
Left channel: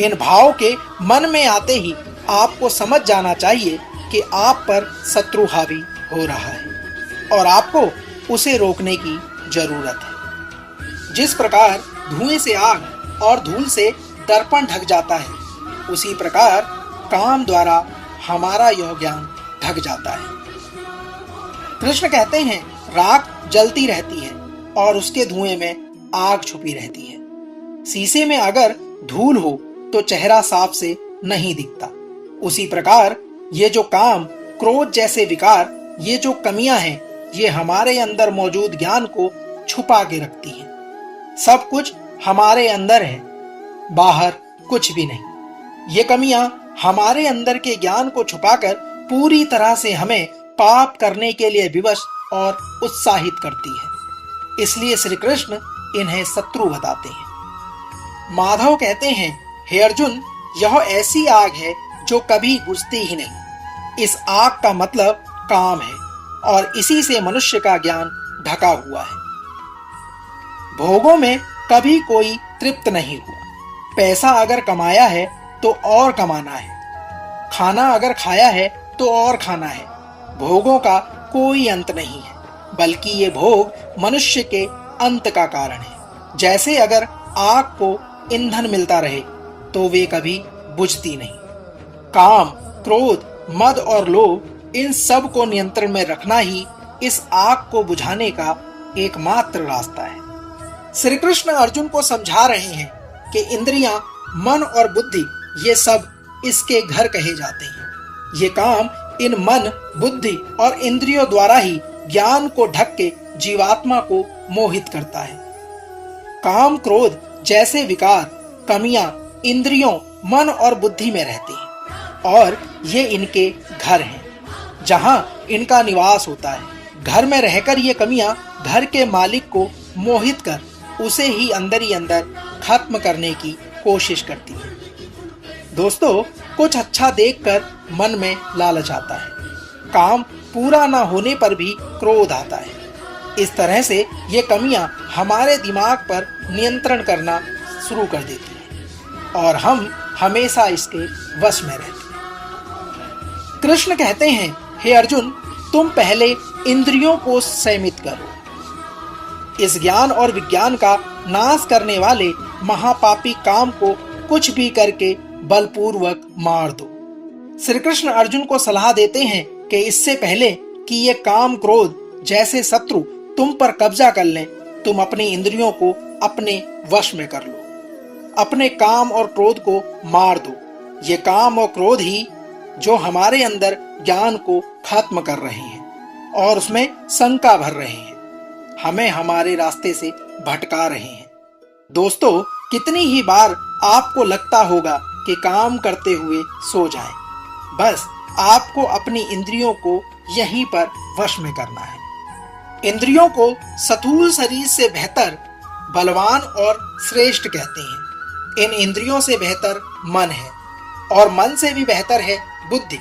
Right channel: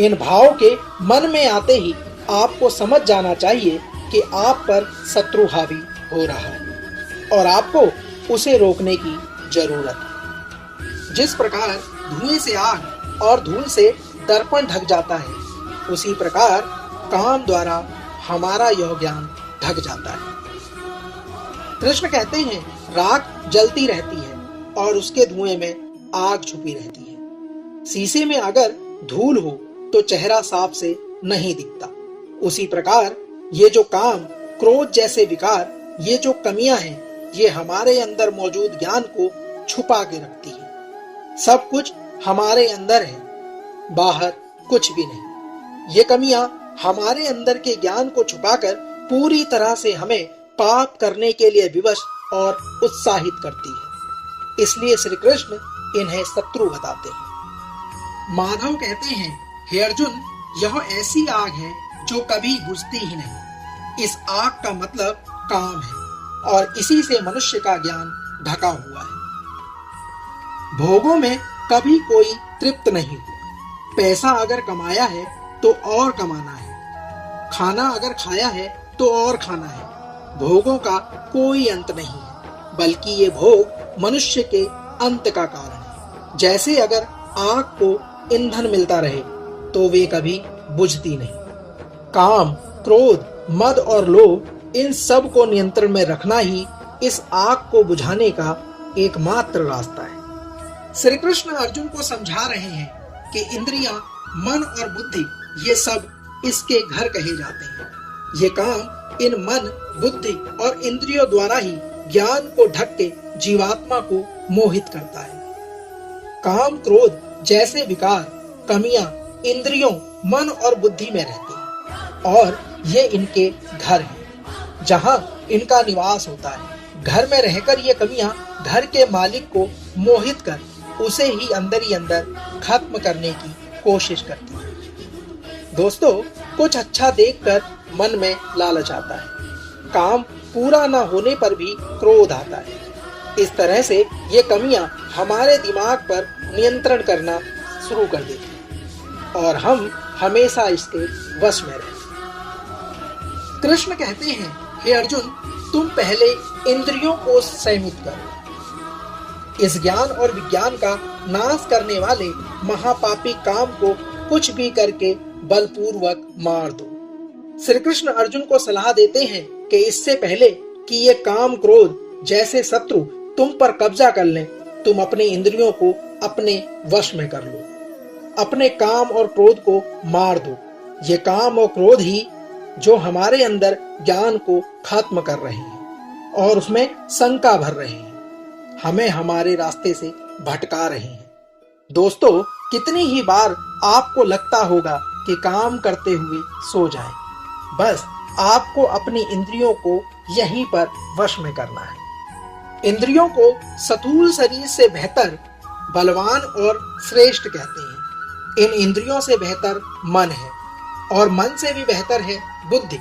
इन भाव के मन में आते ही आपको समझ जाना चाहिए कि आप पर शत्रु हावी हो रहा है और आपको उसे रोकने की जरूरत है। जिस प्रकार धुएं से आग और धूल से दर्पण ढक जाता है, उसी प्रकार काम द्वारा हमारा यह ज्ञान ढक जाता है। कृष्ण कहते हैं, राख जलती रहती है और उसके धुएं में आग छुपी रहती है। शीशे में अगर धूल हो तो चेहरा साफ से नहीं दिखता। उसी प्रकार ये जो काम, क्रोध जैसे विकार, ये जो कमियां हैं, ये हमारे अंदर मौजूद ज्ञान को छुपा के रखती हैं। सब कुछ हमारे अंदर है, बाहर कुछ भी नहीं। ये कमियां हमारे अंदर के ज्ञान को छुपाकर पूरी तरह से हमें पाप करने के लिए विवश और उत्साहित करती है। इसलिए श्री कृष्ण इन्हें शत्रु बताते हैं। माधव कहते हैं, हे अर्जुन, यह ऐसी आग है जो कभी बुझती ही नहीं। इस आग का मतलब काम है और इसी से मनुष्य का ज्ञान ढका हुआ है। भोगों में कभी कोई तृप्त नहीं हुआ। पैसा अगर कमाया है तो और कमाना है, खाना अगर खाया है तो और खाना है। भोगों का कोई अंत नहीं है, बल्कि ये भोग मनुष्य के अंत का कारण है। जैसे अगर आग को ईंधन मिलता रहे तो वे कभी बुझती नहीं। काम, क्रोध, मद और लोभ, इन सब को नियंत्रण में रखना ही इस आग को बुझाने का एकमात्र रास्ता है। श्री कृष्ण अर्जुन को समझा रहे हैं कि इंद्रियां, मन और बुद्धि, ये सब इसके घर कहे जाते हैं। ये काम इन मन, बुद्धि और इंद्रियों द्वारा ही ज्ञान को ढक के जीवात्मा को मोहित करता है। काम, क्रोध जैसे विकार, कमियां इंद्रियों, मन और बुद्धि में रहती हैं और ये इनके घर हैं, जहां इनका निवास होता है। घर में रहकर ये कमियां घर के मालिक को मोहित कर उसे ही अंदर खत्म करने की कोशिश करती है। दोस्तों, कुछ अच्छा देखकर मन में लालच आता है। काम पूरा ना होने पर भी क्रोध आता है। इस तरह से ये कमियां हमारे दिमाग पर नियंत्रण करना शुरू कर देती हैं और हम हमेशा इसके वश में रहते हैं। कृष्ण कहते हैं, हे अर्जुन, तुम पहले इंद्रियों को संयमित करो। इस ज्ञान और विज्ञान का नाश करने वाले महापापी काम को कुछ भी करके बलपूर्वक मार दो। श्री कृष्ण अर्जुन को सलाह देते हैं कि इससे पहले कि ये काम, क्रोध जैसे शत्रु तुम पर कब्जा कर लें, तुम अपनी इंद्रियों को अपने वश में कर लो। अपने काम और क्रोध को मार दो। ये काम और क्रोध ही जो हमारे अंदर ज्ञान को खत्म कर रहे हैं और उसमें शंका भर रहे हैं, हमें हमारे रास्ते से भटका रहे हैं। दोस्तों, कितनी ही बार आपको लगता होगा कि काम करते हुए सो जाएं। बस आपको अपनी इंद्रियों को यहीं पर वश में करना है। इंद्रियों को स्थूल शरीर से बेहतर, बलवान और श्रेष्ठ कहते हैं। इन इंद्रियों से बेहतर मन है और मन से भी बेहतर है बुद्धि,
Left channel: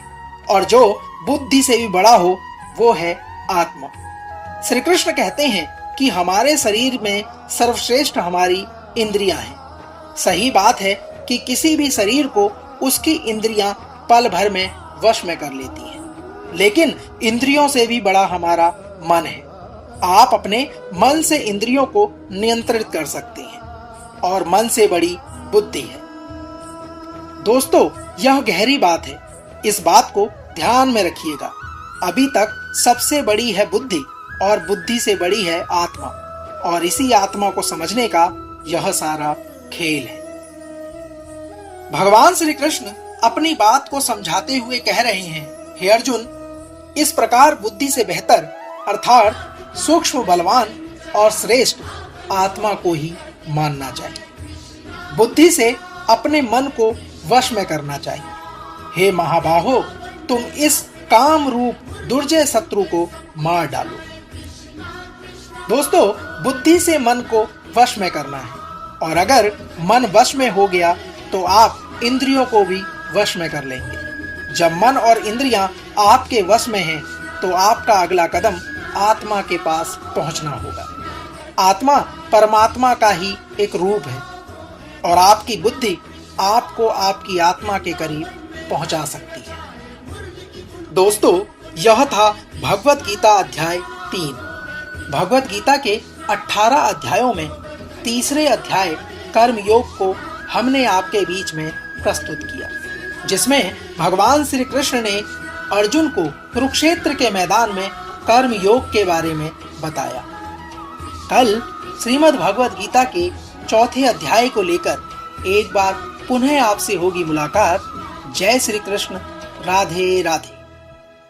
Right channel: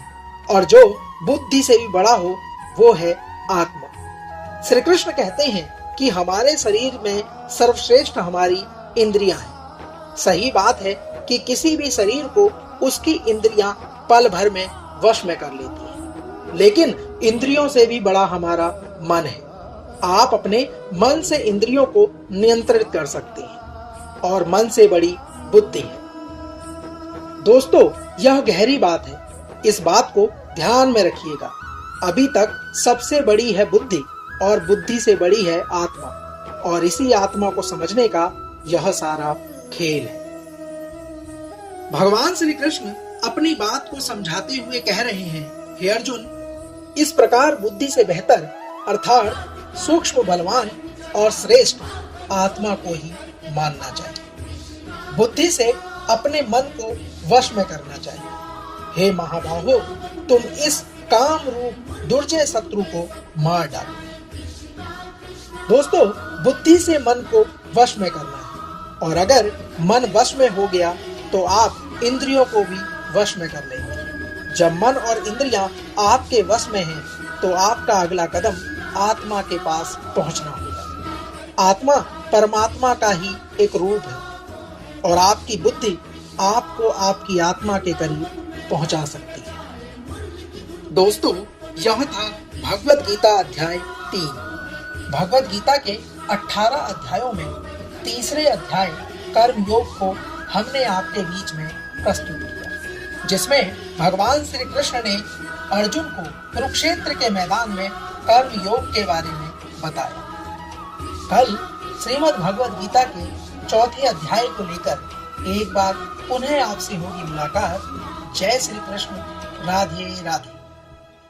और जो बुद्धि से भी बड़ा हो वो है आत्मा। श्री कृष्ण कहते हैं कि हमारे शरीर में सर्वश्रेष्ठ हमारी इंद्रियां हैं। सही बात है कि किसी भी शरीर को उसकी इंद्रियां पल भर में वश में कर लेती हैं, लेकिन इंद्रियों से भी बड़ा हमारा मन है। आप अपने मन से इंद्रियों को नियंत्रित कर सकते हैं और मन से बड़ी बुद्धि है। दोस्तों, यह गहरी बात है, इस बात को ध्यान में रखिएगा। अभी तक सबसे बड़ी है बुद्धि और बुद्धि से बड़ी है आत्मा, और इसी आत्मा को समझने का यह सारा खेल है। भगवान श्री कृष्ण अपनी बात को समझाते हुए कह रहे हैं, हे अर्जुन, इस प्रकार बुद्धि से बेहतर अर्थात सूक्ष्म, बलवान और श्रेष्ठ आत्मा को ही मानना चाहिए। बुद्धि से अपने मन को वश में करना चाहिए। हे महाबाहो, तुम इस काम रूप दुर्जय शत्रु को मार डालो। दोस्तों, बुद्धि से मन को वश में करना है, और अगर मन वश में हो गया तो आप इंद्रियों को भी वश में कर लेंगे। जब मन और इंद्रियां आपके वश में हैं, तो तो आपका अगला कदम आत्मा के पास पहुंचना होगा। आत्मा परमात्मा का ही एक रूप है और आपकी बुद्धि आपको आपकी आत्मा के करीब पहुंचा सकती है। दोस्तों, यह था भगवत गीता अध्याय 3। भगवत गीता के 18 अध्यायों में तीसरे अध्याय कर्म योग को हमने आपके बीच में प्रस्तुत किया, जिसमें भगवान श्री कृष्ण ने अर्जुन को कुरुक्षेत्र के मैदान में कर्म योग के बारे में बताया। कल श्रीमद् भगवत गीता के चौथे अध्याय को लेकर एक बार पुनः आपसे होगी मुलाकात। जय श्री कृष्ण। राधे राधे।